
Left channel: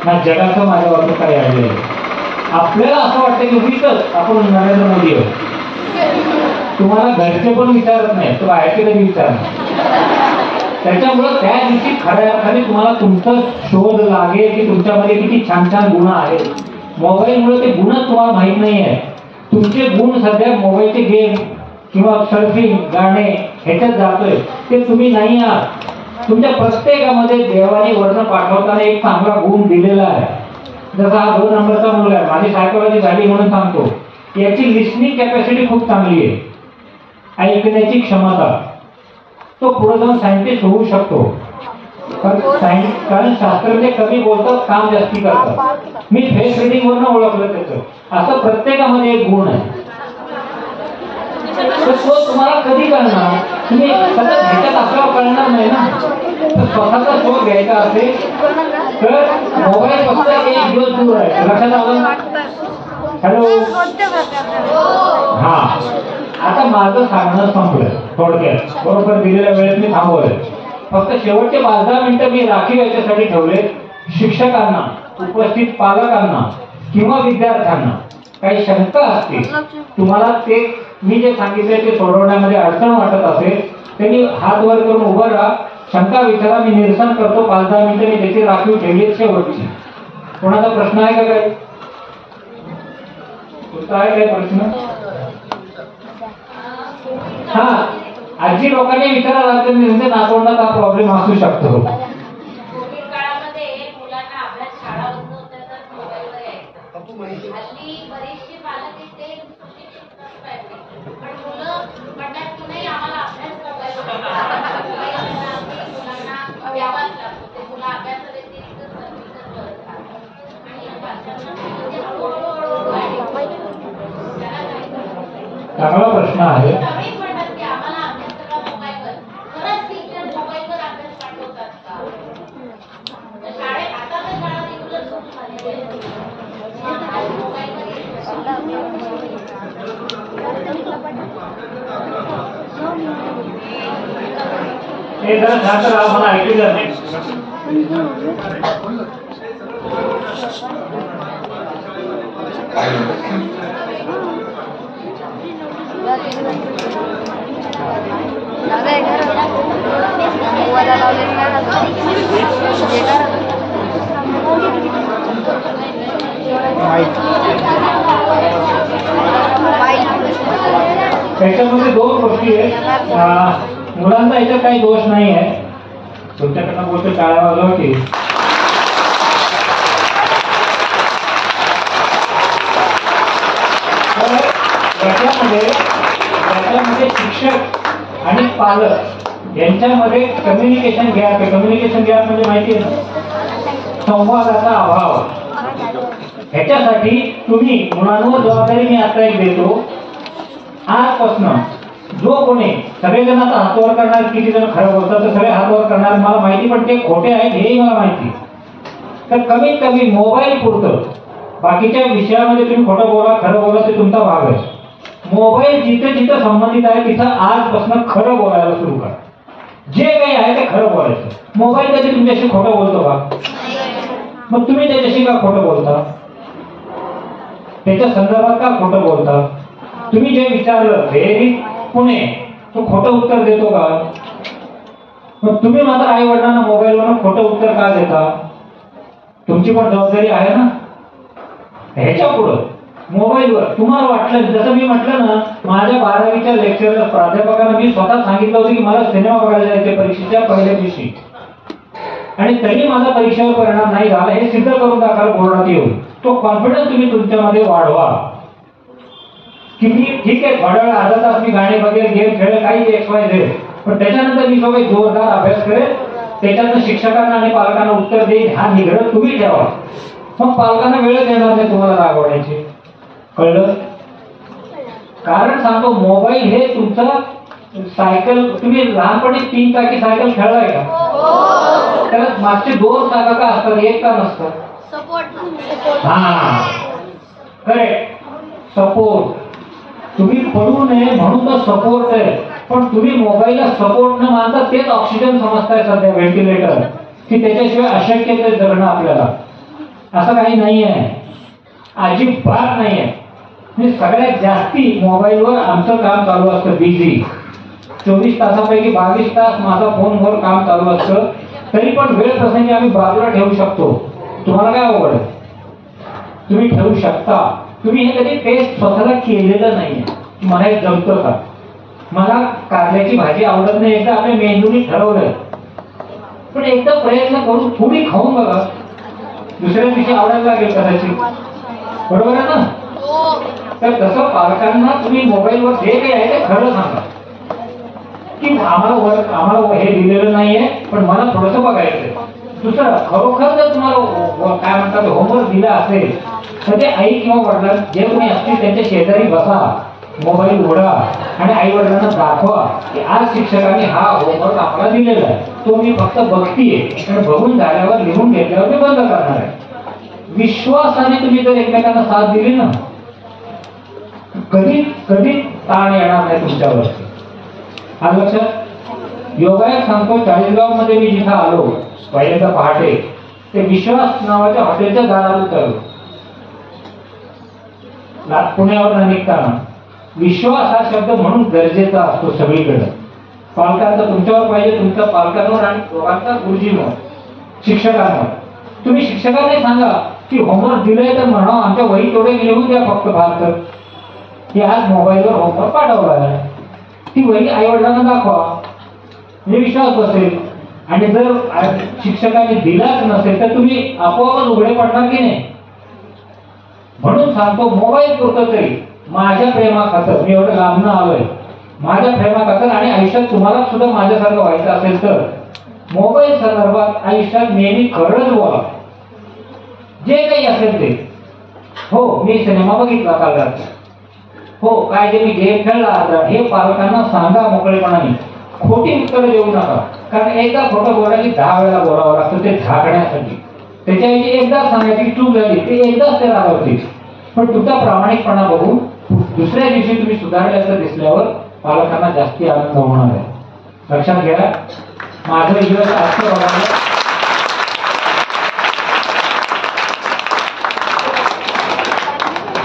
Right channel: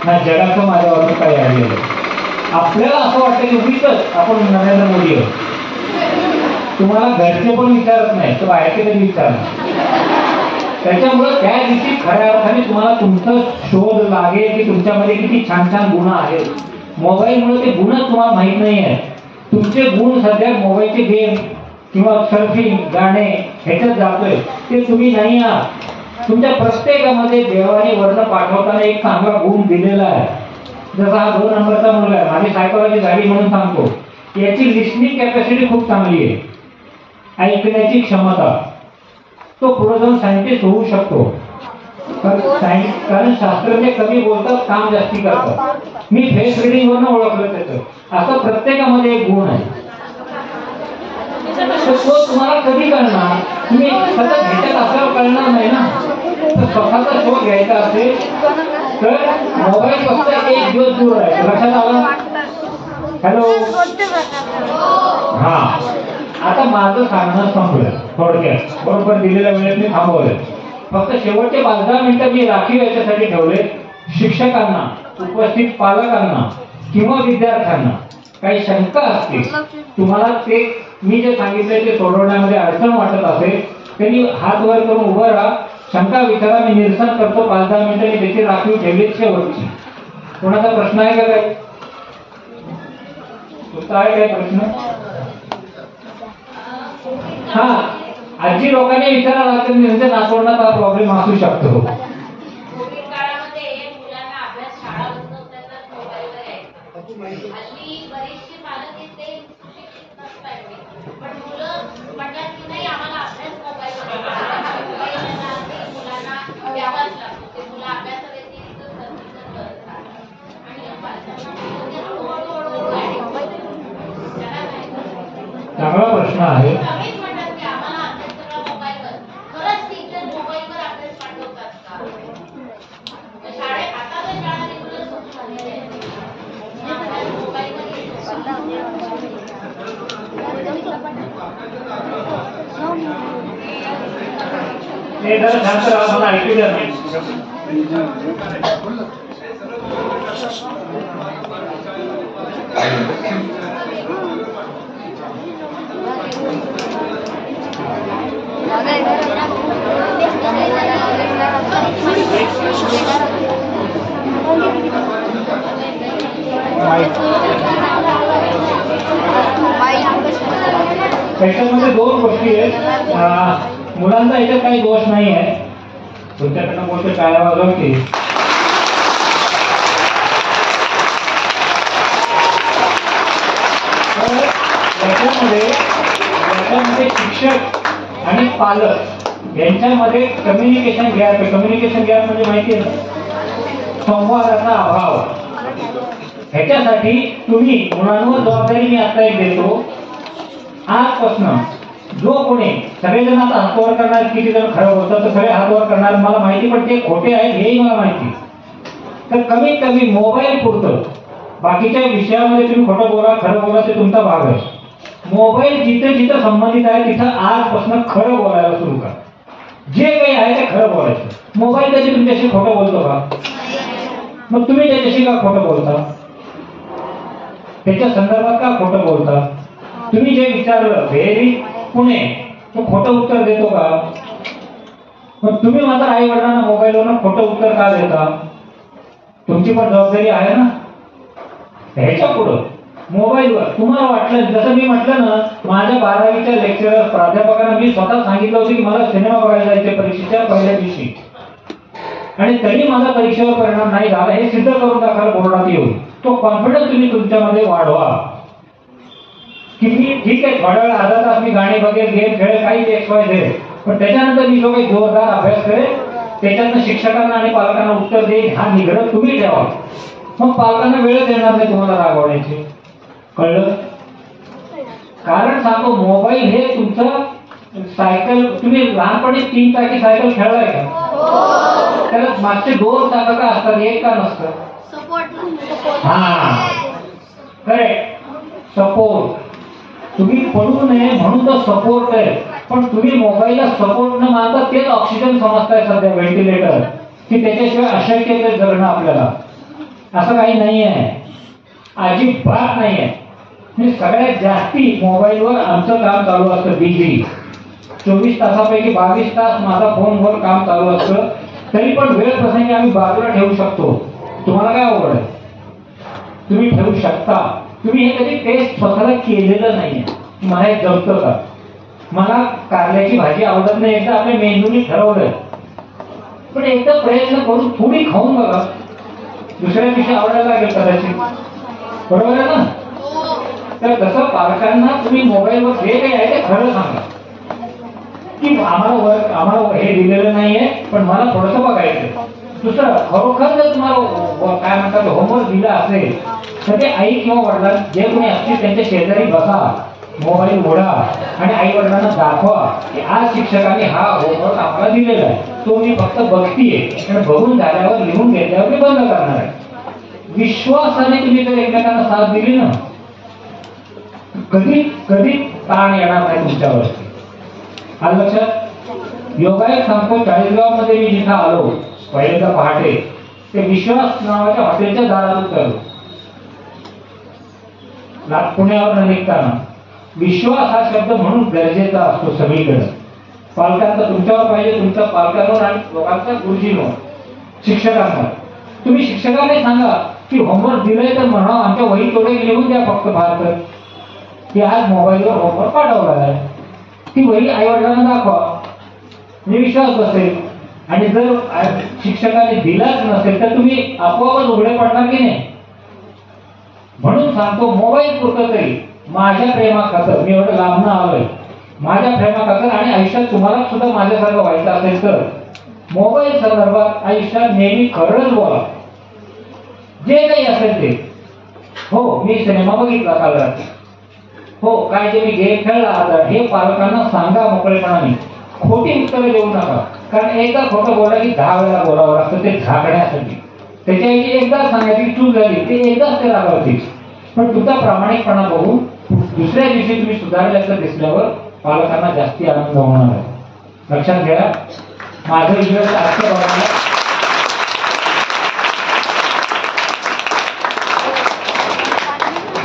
ना, जगाचं माझ्या बाबतीत काही अडलेलं. आपल्याला असं वाटतं की उगीच आपण नरेंद्र मोदी आहोत, तुम्हाला घरचे पण विचारत नाही, तो बाहेरचे कधी विचारणार. त्याच्यामुळे त्या दिवशी खऱ्या अर्थाने तुम्हाला तुमचा शोध लागेल की तुमच्यामध्ये किती छान छान गुण आहेत. मोबाईलमुळे ते गुणच तुम्हाला माहित नाही आहे. तुमचे गुण सध्या मोबाईलचे गेम किंवा सर्फिंग, गाणे ह्याच्यात जातोय, ते तुम्ही नाही आहात. तुमच्या प्रत्येकामध्ये देवाने वर्ण पाठवताना एक चांगला गुण दिलेला आहे. जसा हा 2 नंबरचा मुलगा आहे, माझी सायकोलॉजी झाली म्हणून सांगतो, याची लिस्निंग कॅपॅसिटी खूप चांगली आहे, ऐकण्याची क्षमता. तो पुढे जाऊन सायंटिस्ट होऊ शकतो, कारण शास्त्रज्ञ कमी बोलतात, काम जास्ती करतात. मी फेस रिडिंग वरनं ओळखलं त्याचं. असं प्रत्येकामध्ये एक गुण आहे. तर तो तुम्हाला कधी कळणार, तुम्ही सतत ह्याच्यात असल्यावर कळणार नाही ना. तर स्वतःचा शोध घ्यायचा असेल तर मोबाईल फक्त 1 दिवस दूर आहे. लक्षात आलं? हॅलो, हा. आता माझं सांगणं संपलं थोडक्यात, बरोबर दिलेल्या वेळेत मी थांबवलंय. फक्त शेवटचे 5-10 मिनिटं मी राखीव याच्यासाठी ठेवले, शिक्षकांना, उपस्थित पालकांना किंवा विद्यार्थ्यांना काही शंका असतील, तुम्हाला ते मी जे सांगितलंय ते सोडवण्यामध्ये अडचण वाटत असेल, त्यांनी हात वर करून उभं राहा, शंका विचारा, मी निरसन करतो. 5-10 मिनिटं मी त्याची राखीव ठेवली शेवटची. कोणाचा प्रश्न आहे का? काय आहे काय प्रश्न? हा, आजी लोकांनी विचारायला लागतं त्यांच्या नातवंडात हा प्रॉब्लेम असू शकतो. चांगला प्रश्न आहे. हे जर छात्र आम्हाला ऐकू द्या. त्याच्यामध्ये 2 गोष्टी आहेत. मुलांचा याच्यात काही दोष नाही आहे, तुमच्याकडनं गोष्ट टाळावं की याच्यामध्ये शिक्षक आणि पालक यांच्यामध्ये कम्युनिकेशन गॅप आहे. कम्युनिकेशन गॅप म्हणजे माहिती आहे ना, संवादाचा अभाव. ह्याच्यासाठी तुम्ही मुलांवर जबाबदारी मी आता एक देतो, आजपासून जो कोणी सगळेजण आता हातवर करणार, किती जण खरं बोलतात तर सगळे हातवर करणार मला माहिती, पण ते खोटे आहेत हेही मला माहिती. तर कमीत कमी मोबाईल पुरतं, बाकीच्या विषयामध्ये तुम्ही खोटं बोला खरं बोला ते तुमचा भाग आहे. मोबाईल जिथे जिथे संबंधित आहे तिथं आजपासून खरं बोलायला सुरू करा. जे काही आहे ते खरं बोलायचं. मोबाईल कधी तुमच्याशी खोटं बोलतो का? मग तुम्ही त्याच्याशी का खोटं बोलता? त्याच्या संदर्भात का खोटं बोलता? तुम्ही जे विचारलं व्हेरी पुणे तो खोटं उत्तर देतो का? मग तुम्ही मात्र आई वडिलांना मोबाईलवरून खोटं उत्तर का देता? तुमची पण जबाबदारी आहे ना. ह्याच्या पुढं मोबाईलवर तुम्हाला वाटलं, जसं मी म्हटलं ना, माझ्या 12वीच्या लेक्चरर प्राध्यापकांना मी स्वतः सांगितलं होतं की मला सिनेमा बघायला जायचे परीक्षेच्या पहिल्या दिवशी, आणि तरी माझा परीक्षेवर परिणाम नाही झाला हे सिद्ध करून दाखल बोर्डात येऊन. तो कॉन्फिडन्स तुम्ही तुमच्यामध्ये वाढवा की मी ठीक आहे थोड्या वेळ अर्धा तास मी गाणे बघेल, गेम खेळेल, काही XYZ, पण त्याच्यानंतर मी जो काही जोरदार अभ्यास करेल त्याच्यातनं शिक्षकांना आणि पालकांना उत्तर देईल हा निग्रह तुम्ही ठेवा. मग पालकांना वेळ देणार नाही तुम्हाला रागवण्याची. कळलं? कारण सांगतो मोबाईल हे तुमचं सायकल, तुम्ही लहानपणी 3 चाकी सायकल खेळलाय का? त्याला मागचे 2 चाकं का असतात, एक का नसतं? हा करेक्ट, सपोर्ट. तुम्ही पडू नये म्हणून तो सपोर्ट आहे, पण तुम्ही मोबाईलला सपोर्ट न मानता तेच ऑक्सिजन समजताय सध्या, व्हेंटिलेटर, की त्याच्याशिवाय अशक्य आहे जगणं आपल्याला. असं काही नाही आहे, अजिबात नाही आहे. म्हणजे सगळ्यात जास्ती मोबाईलवर आमचं काम चालू असतं बिझी. 24 तासापैकी 22 तास माझा फोनवर काम चालू असतं. तरी पण वेळ प्रसंगी आम्ही बाजूला ठेवू शकतो. तुम्हाला काय आवड? तुम्ही ठेवू शकता. तुम्ही हे कधी टेस्ट स्वतःला केलेलं नाहीये. मला हे जमतं का? मला कारल्याची भाजी आवडत नाही, एकदा आपल्या मेंदूने ठरवलं, पण एकदा प्रयत्न करून थोडी खाऊन बघा, दुसऱ्या दिवशी आवडायला लागेल कदाचित. बरोबर आहे ना? तर तसं पालकांना तुम्ही मोबाईलवर जे काही आहे ते खरं सांगा की आम्हाला हे दिलेलं नाहीये, पण मला थोडंसं बघायचंय. दुसरं, खरोखर जर तुम्हाला काय म्हणतात होमवर्क दिला असेल तर ते आई किंवा वडिलां जे कोणी असतील त्यांच्या शेजारी बसा, मोबाईल उघडा आणि आई वडिलांना दाखवा की आज शिक्षकांनी हा होमवर्क आम्हाला दिलेला आहे, तो मी फक्त बघतीये आणि बघून झाल्यावर लिहून घेतल्यावर मी बंद करणार आहे. विश्वासाने तुम्ही जर एकमेकांना साथ दिली ना, कधी कधी ताण येणार नाही तुमच्यावरती. आज लक्षात. योगायोग सांगतो, 40गाव मध्ये मी जिथं आलो पहिल्यांदा पहाटे, ते विश्वास नावाच्या हॉटेलच्या दारात उतरलो. पुण्यावर निघताना विश्वास हा शब्द म्हणून गरजेचा असतो सगळीकडे. पालकांचा तुमच्यावर पाहिजे, तुमच्या पालकांवर आणि दोघांचा गुरुजींवर, शिक्षकांवर. तुम्ही शिक्षकांना सांगा की होमवर्क दिलंय तर म्हणा आमच्या वही थोडे लिहून द्या फक्त फार की आज मोबाईलवर होमवर्क पाठवला आहे. ती वही आई वडिलांना दाखवा, म्हणजे विश्वास बसेल. आणि जर शिक्षकांनी दिलाच नसेल तर तुम्ही आपोआपच उघडे पडणार की नाही. म्हणून सांगतो मोबाईल पुरतं तरी माझ्या प्रेमाखातर, मी एवढं लांबणं आलोय, माझ्या प्रेमाखातर आणि आयुष्यात तुम्हाला सुद्धा माझ्यासारखं व्हायचं असेल तर मोबाईल संदर्भात आयुष्यात नेहमी खरंच बोला, जे काही असेल ते. हो मी सिनेमा बघितला काल रात्री, हो काय जे मी गेम खेळला, हे पालकांना सांगा मोकळेपणाने. खोटी उत्तरं देऊ नका, कारण एकदा खोटं बोला की 10 वेळा बोलावं लागतं ते झाकण्यासाठी. त्याच्याऐवजी एकदा सांगायची चूक झाली ते एकदाच ते रागावतील, पण तुमचा प्रामाणिकपणा बघून दुसऱ्या दिवशी तुम्ही सुधारल्याचं दिसल्यावर पालकांना जास्ती आनंद होणार आहे. लक्षात घ्या. माझं इकडे आजचं बघा,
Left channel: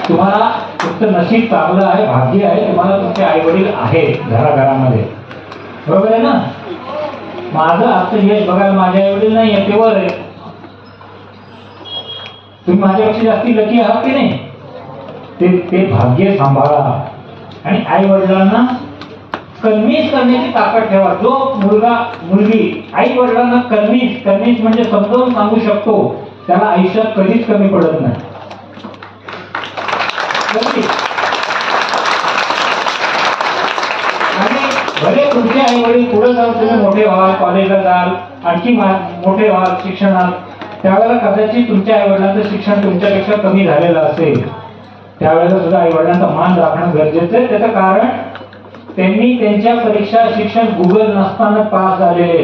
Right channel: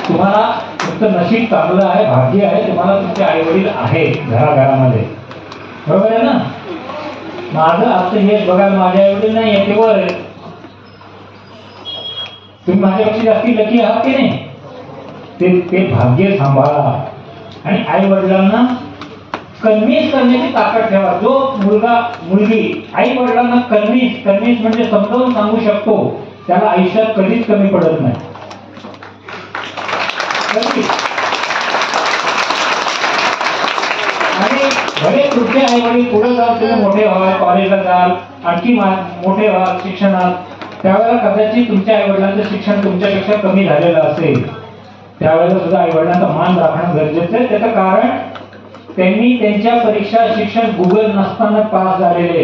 तुम्हाला तुमचं नशीब चांगलं आहे, भाग्य आहे, तुम्हाला तुमचे आई वडील आहेत घराघरामध्ये. बरोबर आहे ना? माझं आजचं यश बघायला माझे आई वडील नाही आहे, ते वर आहे. तुम्ही माझ्यापेक्षा जास्ती लकी आहात की नाही? ते भाग्य सांभाळा आणि आई वडिलांना कन्व्हिन्स करण्याची ताकद ठेवा. जो मुलगा मुलगी आई वडिलांना कन्व्हिन्स म्हणजे समजावून सांगू शकतो त्याला आयुष्यात कधीच कमी पडत नाही. आणि भले तुमचे आई वडील पुढे जाऊन तुम्ही मोठे व्हाल, कॉलेजला जाल, आणखी मोठे व्हाल शिक्षणात, त्यावेळेला कदाचित तुमच्या आई वडिलांचं शिक्षण तुमच्यापेक्षा कमी झालेलं असेल, त्यावेळेला सुद्धा आई वडिलांचा मान राखणं गरजेचं आहे. त्याचं कारण त्यांनी त्यांच्या परीक्षा शिक्षण गुगल नसताना पास झालेले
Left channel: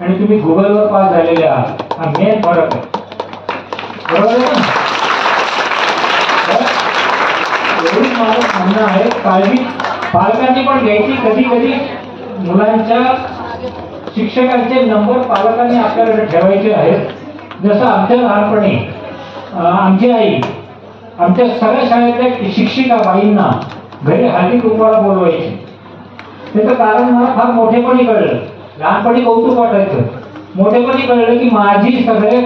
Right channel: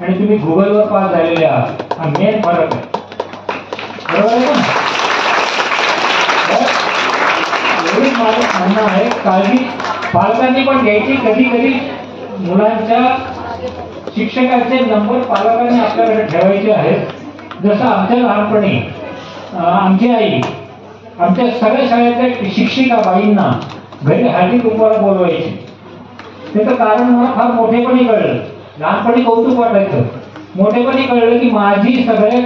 आणि तुम्ही गुगलवर पास झालेले आहात. हा मेन फरक आहे. बरोबर आहे ना? एवढीच माझं म्हणणं आहे, काळजी पालकांनी पण घ्यायची. कधी कधी मुलांच्या शिक्षकांचे नंबर पालकांनी आपल्याकडे ठेवायचे आहेत. जसं आमच्या लहानपणी आमची आई आमच्या सगळ्या शाळेतल्या शिक्षिका बाईंना घरी हळदी कुंकवाला बोलवायची. त्याचं कारण मला फार मोठेपणी कळलं. लहानपणी कौतुक वाटायचं, मोठेपणी कळलं की माझी सगळे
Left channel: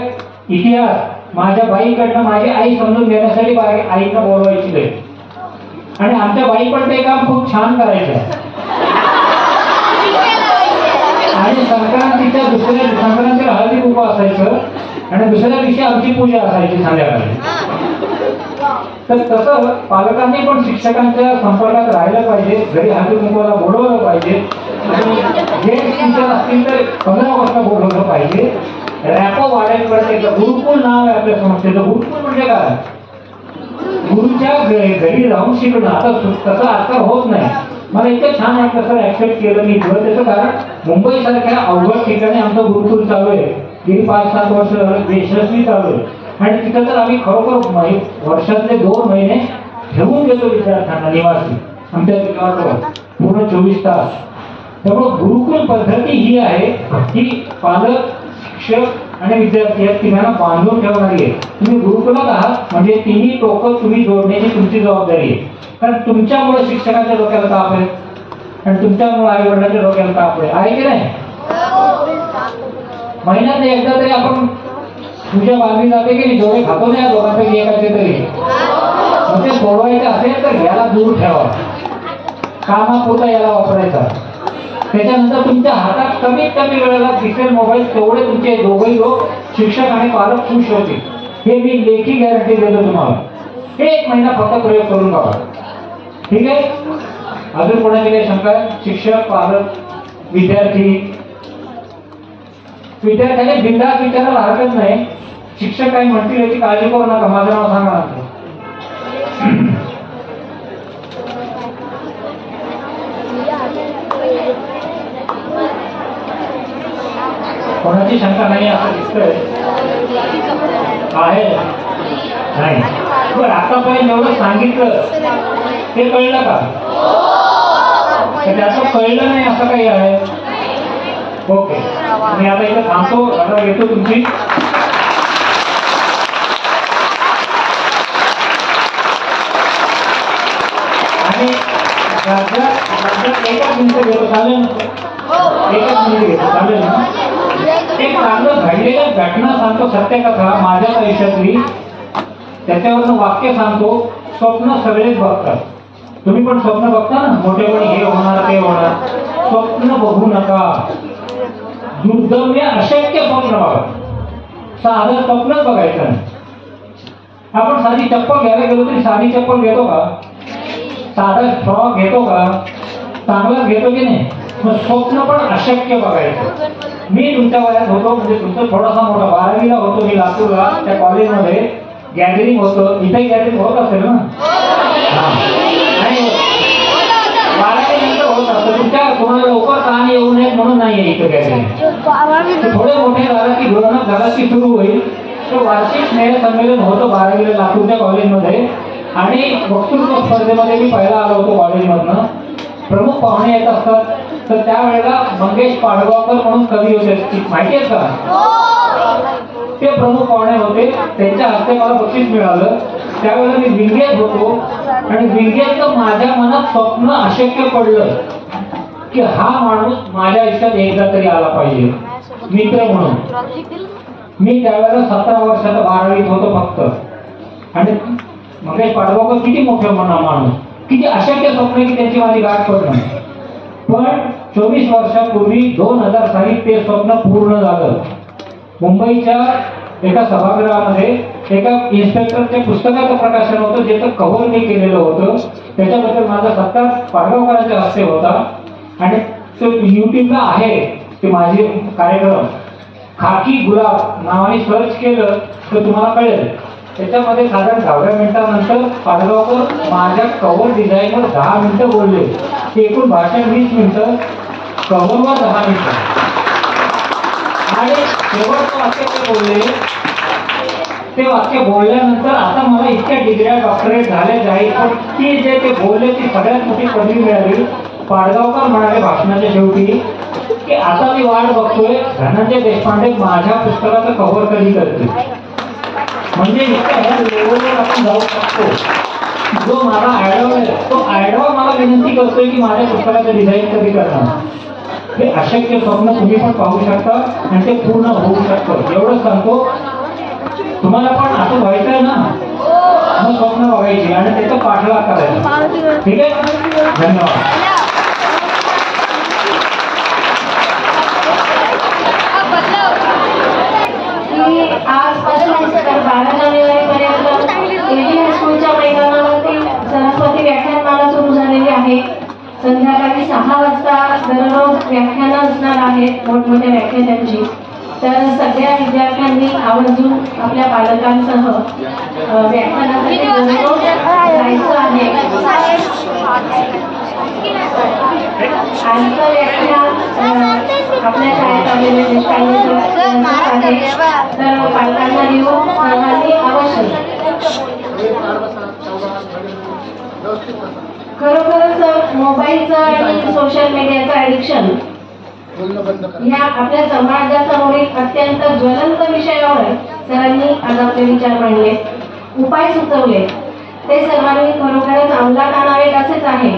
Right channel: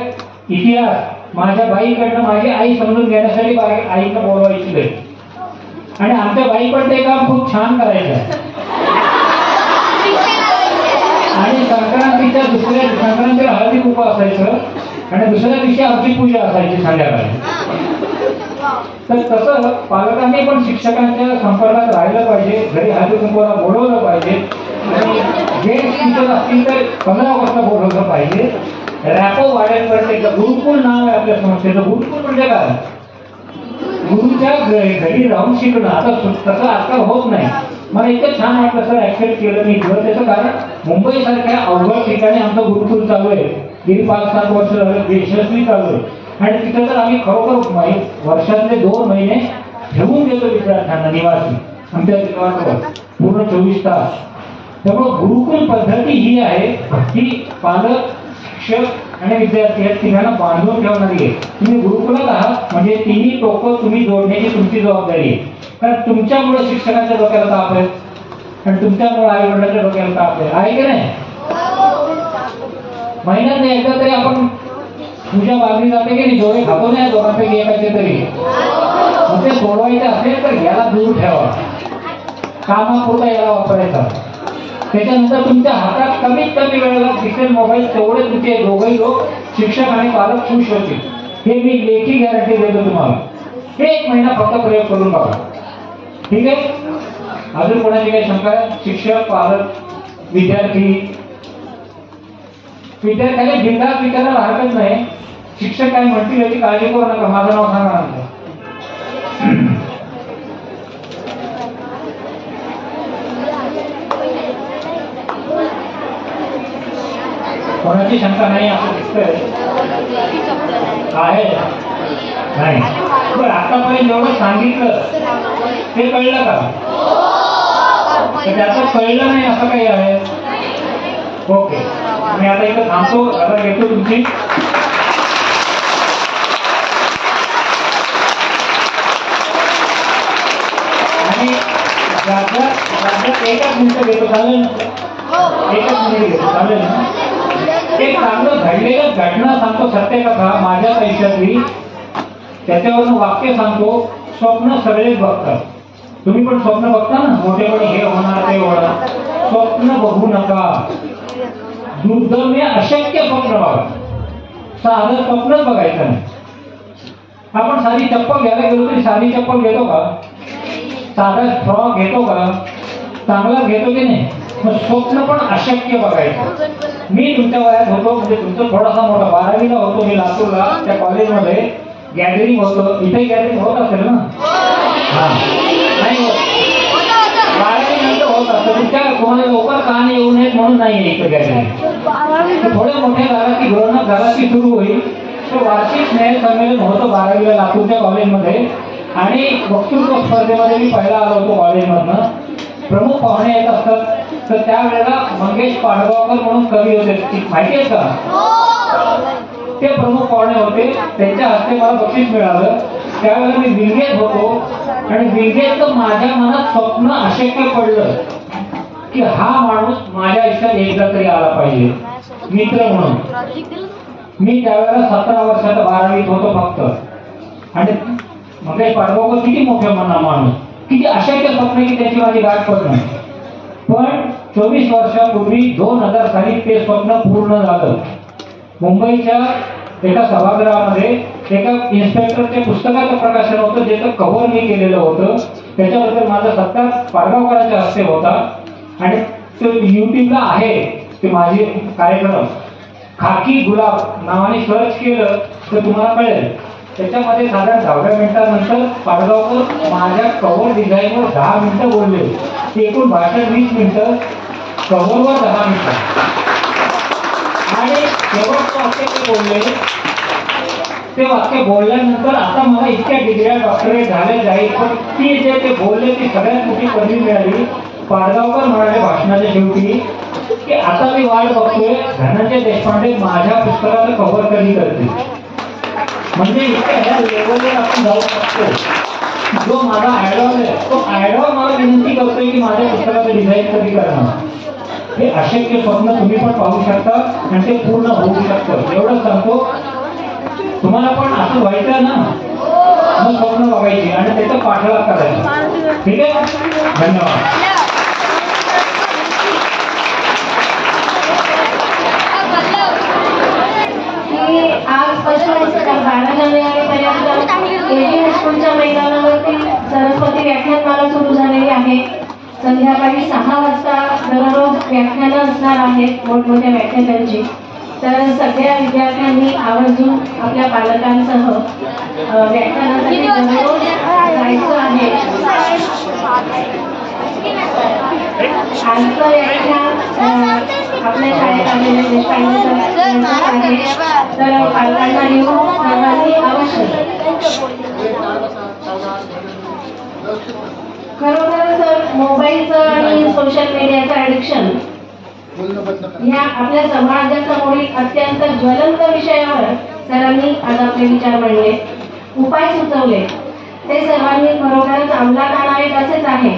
इतिहास माझ्या बाईकडनं माझी आई समजून घेण्यासाठी आईनं बोलवायची घरी. आणि आमच्या बाई पण ते काम खूप छान करायचं. आणि संक्रांतीला हळदी कुंकू असायचं आणि दुसऱ्या दिवशी आमची पूजा असायची संध्याकाळी. तर तसं पालकांनी पण शिक्षकांच्या संपर्कात राहिलं पाहिजे, घरी हळदी कुंकवाला बोलवलं पाहिजे. आणि गेस्ट टीचर असतील तर 15 वाजता बोलवलं पाहिजे. रॅपो वाढेपर्यंत एकदा गुरुकुल नाव आहे आपल्या संस्थेचं. गुरुकुल म्हणजे काय? गुरुच्या घरी राहून शिकणं. आता तसं आजकाल होत नाही. मला इतकं छान वाटलं सर, ऍक्सेप्ट केलं मी थोडं. त्याचं कारण मुंबई सारख्या अवघड ठिकाणी आमचं गुरुकुल चालू आहे. गेली 5-7 वर्ष झालं यशस्वी चालू आहे. आणि तिथं तर आम्ही खरोखर वर्षातले 2 महिने ठेवून घेतो विद्यार्थ्यांना निवासी आमच्या ठिकाणावर पूर्ण 24 तास. त्यामुळे गुरुकुल पद्धती ही आहे की पालक, शिक्षक आणि विद्यार्थी या तिघांना बांधून ठेवणारी आहे. तुम्ही गुरुकुलात आहात म्हणजे तिन्ही टोकं तुम्ही जोडण्याची तुमची जबाबदारी आहे. कारण तुमच्यामुळे शिक्षकांच्या डोक्याला ताप आहे आणि तुमच्यामुळे आई वडिलांच्या डोक्याला ताप आहे की नाही? महिन्यात एकदा तरी आपण तुझ्या बाजूला जाते की नाही, जेवढे खातो नाही दोघांपैकी एकाचे तरी म्हणजे सोडवायचं असेल तर याला दूर ठेवा, कामापुरता याला वापरायचा. त्याच्यानंतर तुमच्या हातात कमीत कमी वेळेला दिसेल मोबाईल, तेवढे तुमचे दोघेही लोक शिक्षक आणि पालक खुश होतील. हे मी लेखी गॅरंटी देतो तुम्हाला. हे 1 महिना फक्त प्रयोग करून बघा. ठीक आहे? अजून कोणाची काही शंका आहे? शिक्षक, पालक, विद्यार्थ्यांनी बिनधास्त विचारायला हरकत नाही. शिक्षक काय म्हणतील याची काळजी करू नका. माझं नाव सांगा नंतर. कोणाची शंका नाही असं दिसतंय आहे नाही? बरं, आतापर्यंत जेवढं सांगितलं ते कळलं का? त्याचं कळलं नाही असं काही आहे? ओके, मी आता इथं थांबतो. आता येतो तुमची आणि एकच मिनिट घेतो. चालेल ना? एकच मिनिट घेतो. चालेल ना? एक चांगलं घडलेलं घटना सांगतो, सत्यकथा माझ्या आयुष्यातली. त्याच्यावरून वाक्य सांगतो. स्वप्न सगळेच बघतात. तुम्ही पण स्वप्न बघता ना, मोठेपणी हे होणार ते होणार. स्वप्न बघू नका. दुर्दम्य अशक्य स्वप्न बघा. साधं स्वप्नच बघायचं नाही. आपण साधी चप्पल घ्यायला गेलो तरी साधी चप्पल घेतो का? साधा फ्रॉक घेतो का? चांगलाच घेतो की नाही? मग स्वप्न पण अशक्य बघायचं. मी तुमच्या वयात होतो, म्हणजे तुमचं थोडासा मोठा, 12वीला होतो मी लातूरला. त्या कॉलेजमध्ये गॅदरिंग होतं. इथे गॅदरिंग होत असेल ना? नाही होत. 12वी नंतर होत असतं. तुमच्या कोणाला लवकर ताण येऊ नये म्हणून नाही इथे गॅदरिंग. थोडे मोठे झाला की ग्रोनअप झाला की सुरू होईल. तो वार्षिक स्नेह संमेलन होतं 12वीला लातूरच्या कॉलेजमध्ये. आणि वक्तृत्व स्पर्धेमध्ये मी पहिला आलो होतो कॉलेजमधनं. प्रमुख पाहुणे येत असतात. तर त्यावेळेला मंगेश पाडगावकर म्हणून कवी होते, माहिती आहे का? ते प्रमुख पाहुणे होते. त्यांच्या हस्ते मला बक्षीस मिळालं. त्यावेळेला मी विंगेत होतो आणि विंगेतलं माझ्या मनात स्वप्न अशक्य पडलं की हा माणूस माझ्या आयुष्यात एकदा तरी आला पाहिजे मित्र म्हणून. मी त्यावेळेला 17 वर्षाचा 12वीत होतो फक्त. आणि मंगेश पाडगावकर किती मोठे माणूस, किती अशक्य स्वप्न की त्याची माझी गाठ पडणं. पण 24 वर्षापूर्वी 2000 साली ते स्वप्न पूर्ण झालं. मुंबईच्या एका सभागृहामध्ये एका इन्स्पेक्टरच्या पुस्तकाचं प्रकाशन होतं, ज्याचं कव्हर मी केलेलं होतं. त्याच्याबद्दल माझा सत्कार पाडगावकरांच्या हस्ते होता. आणि तो युट्यूबला आहे ते माझे कार्यक्रम. खाकी गुलाब नावाने सर्च केलं तर तुम्हाला कळेल. त्याच्यामध्ये साधारण 10व्या मिनिटानंतर पाडगावकर माझ्या कव्हर डिझाईनवर 10 मिनिटं बोलले. ते एकूण भाषण 20 मिनिटं, कव्हरवर 10 मिनिटं. आणि शेवटचं वाक्य ते बोलले, ते वाक्य बोलल्यानंतर आता मला इतक्या डिग्र्या डॉक्टरेट झाल्या जाईल, पण ती जे ते बोलले ती सगळ्यात मोठी कमी मिळाली. पाडगावकर म्हणाले भाषणाच्या शेवटी की आता मी वाट बघतोय धनंजय देशपांडे माझ्या पुस्तकाचं कव्हर कधी करते. म्हणजे इतक्या लेवलवर आपण जाऊ शकतो. जो माझा आयडॉल आहे तो आयडॉल मला विनंती करतोय की माझ्या पुस्तकाचं डिझाईन कधी करणार. हे अशक्य स्वप्न तुम्ही पण पाहू शकता आणि ते पूर्ण होऊ शकतं. एवढंच सांगतो, तुम्हाला पण असं व्हायचं ना, मग स्वप्न बघायची आणि त्याचा पाठलाग करायचा. ठीक आहे, धन्यवाद. की आजपासून तर 12 जानेवारीपर्यंत एजीएन स्कूलच्या मैदानावरती सरस्वती व्याख्यानमाला सुरू झालेली आहे. संध्याकाळी 6 वाजता दररोज व्याख्यानं असणार आहेत मोठमोठ्या व्याख्यानांची. तर सगळ्या विद्यार्थ्यांनी आवर्जून आपल्या पालकांसह व्याख्यानासाठी दररोज जायचं आहे. आजचं व्याख्यान आपल्या शाळेत आलेले देशपांडे आहे, तर पालकांना घेऊन सर्वांनी अवश्य. खरोखरच मोबाईलचं आणि सोशल मीडियाचं ॲडिक्शन ह्या आपल्या समाजासमोरील अत्यंत ज्वलंत विषयावर सरांनी आज आपले विचार मांडले, उपाय सुचवले. ते सर्वांनी खरोखरच अंमलात आणावेत असेच आहे.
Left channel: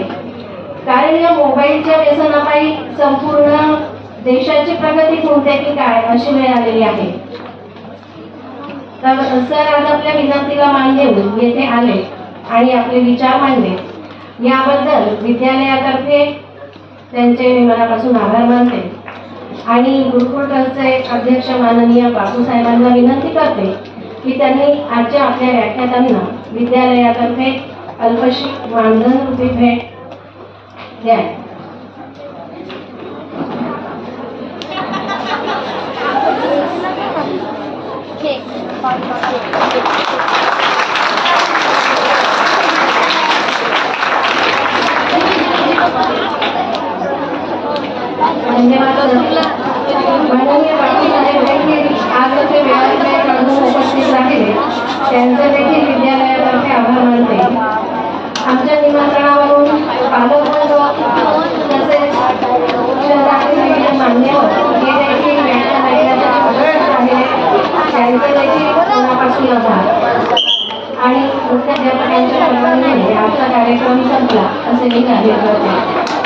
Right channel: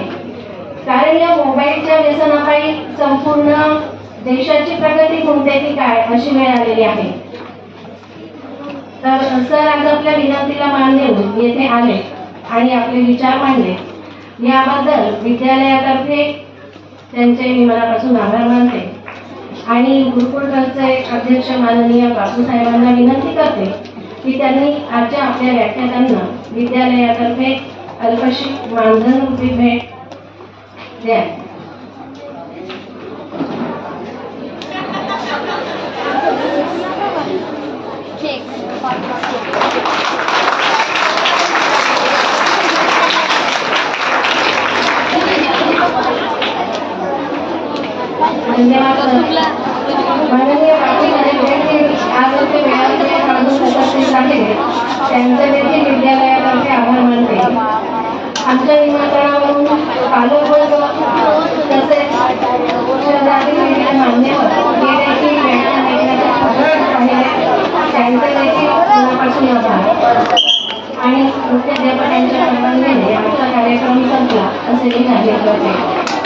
कारण या मोबाईलच्या व्यसनापायी संपूर्ण देशाची प्रगती खुंटते की काय अशी वेळ आलेली आहे. तर सर आज आपल्या विनंतीला मान देऊन येथे आले आणि आपले विचार मांडले. याबद्दल विद्यालयातर्फे त्यांचे मी मनापासून आभार मानते आणि गुरुकुल ट्रस्टचे अध्यक्ष माननीय बापूसाहेबांना विनंती करते की त्यांनी आजच्या आपल्या व्याख्यातांना विद्यालयातर्फे अल्पशी मानधन रूपी भेट द्या. धन्यवाद. माननीय बापूसाहेब आज ते वेळापत्रक उपस्थित राहिले त्यांचे देखील विद्यालयातर्फे आभार मानते. आमच्या निमंत्रणावरून पालकवर्ग तसेच शहरातील मान्यवर हे देखील व्याख्यान ऐकण्यासाठी उपस्थित आहे. त्यांचे देखील मनापासून आभार आणि मुख्याध्यापकांच्या परवानगीने आजचा कार्यक्रम संपला असे मी जाहीर करते.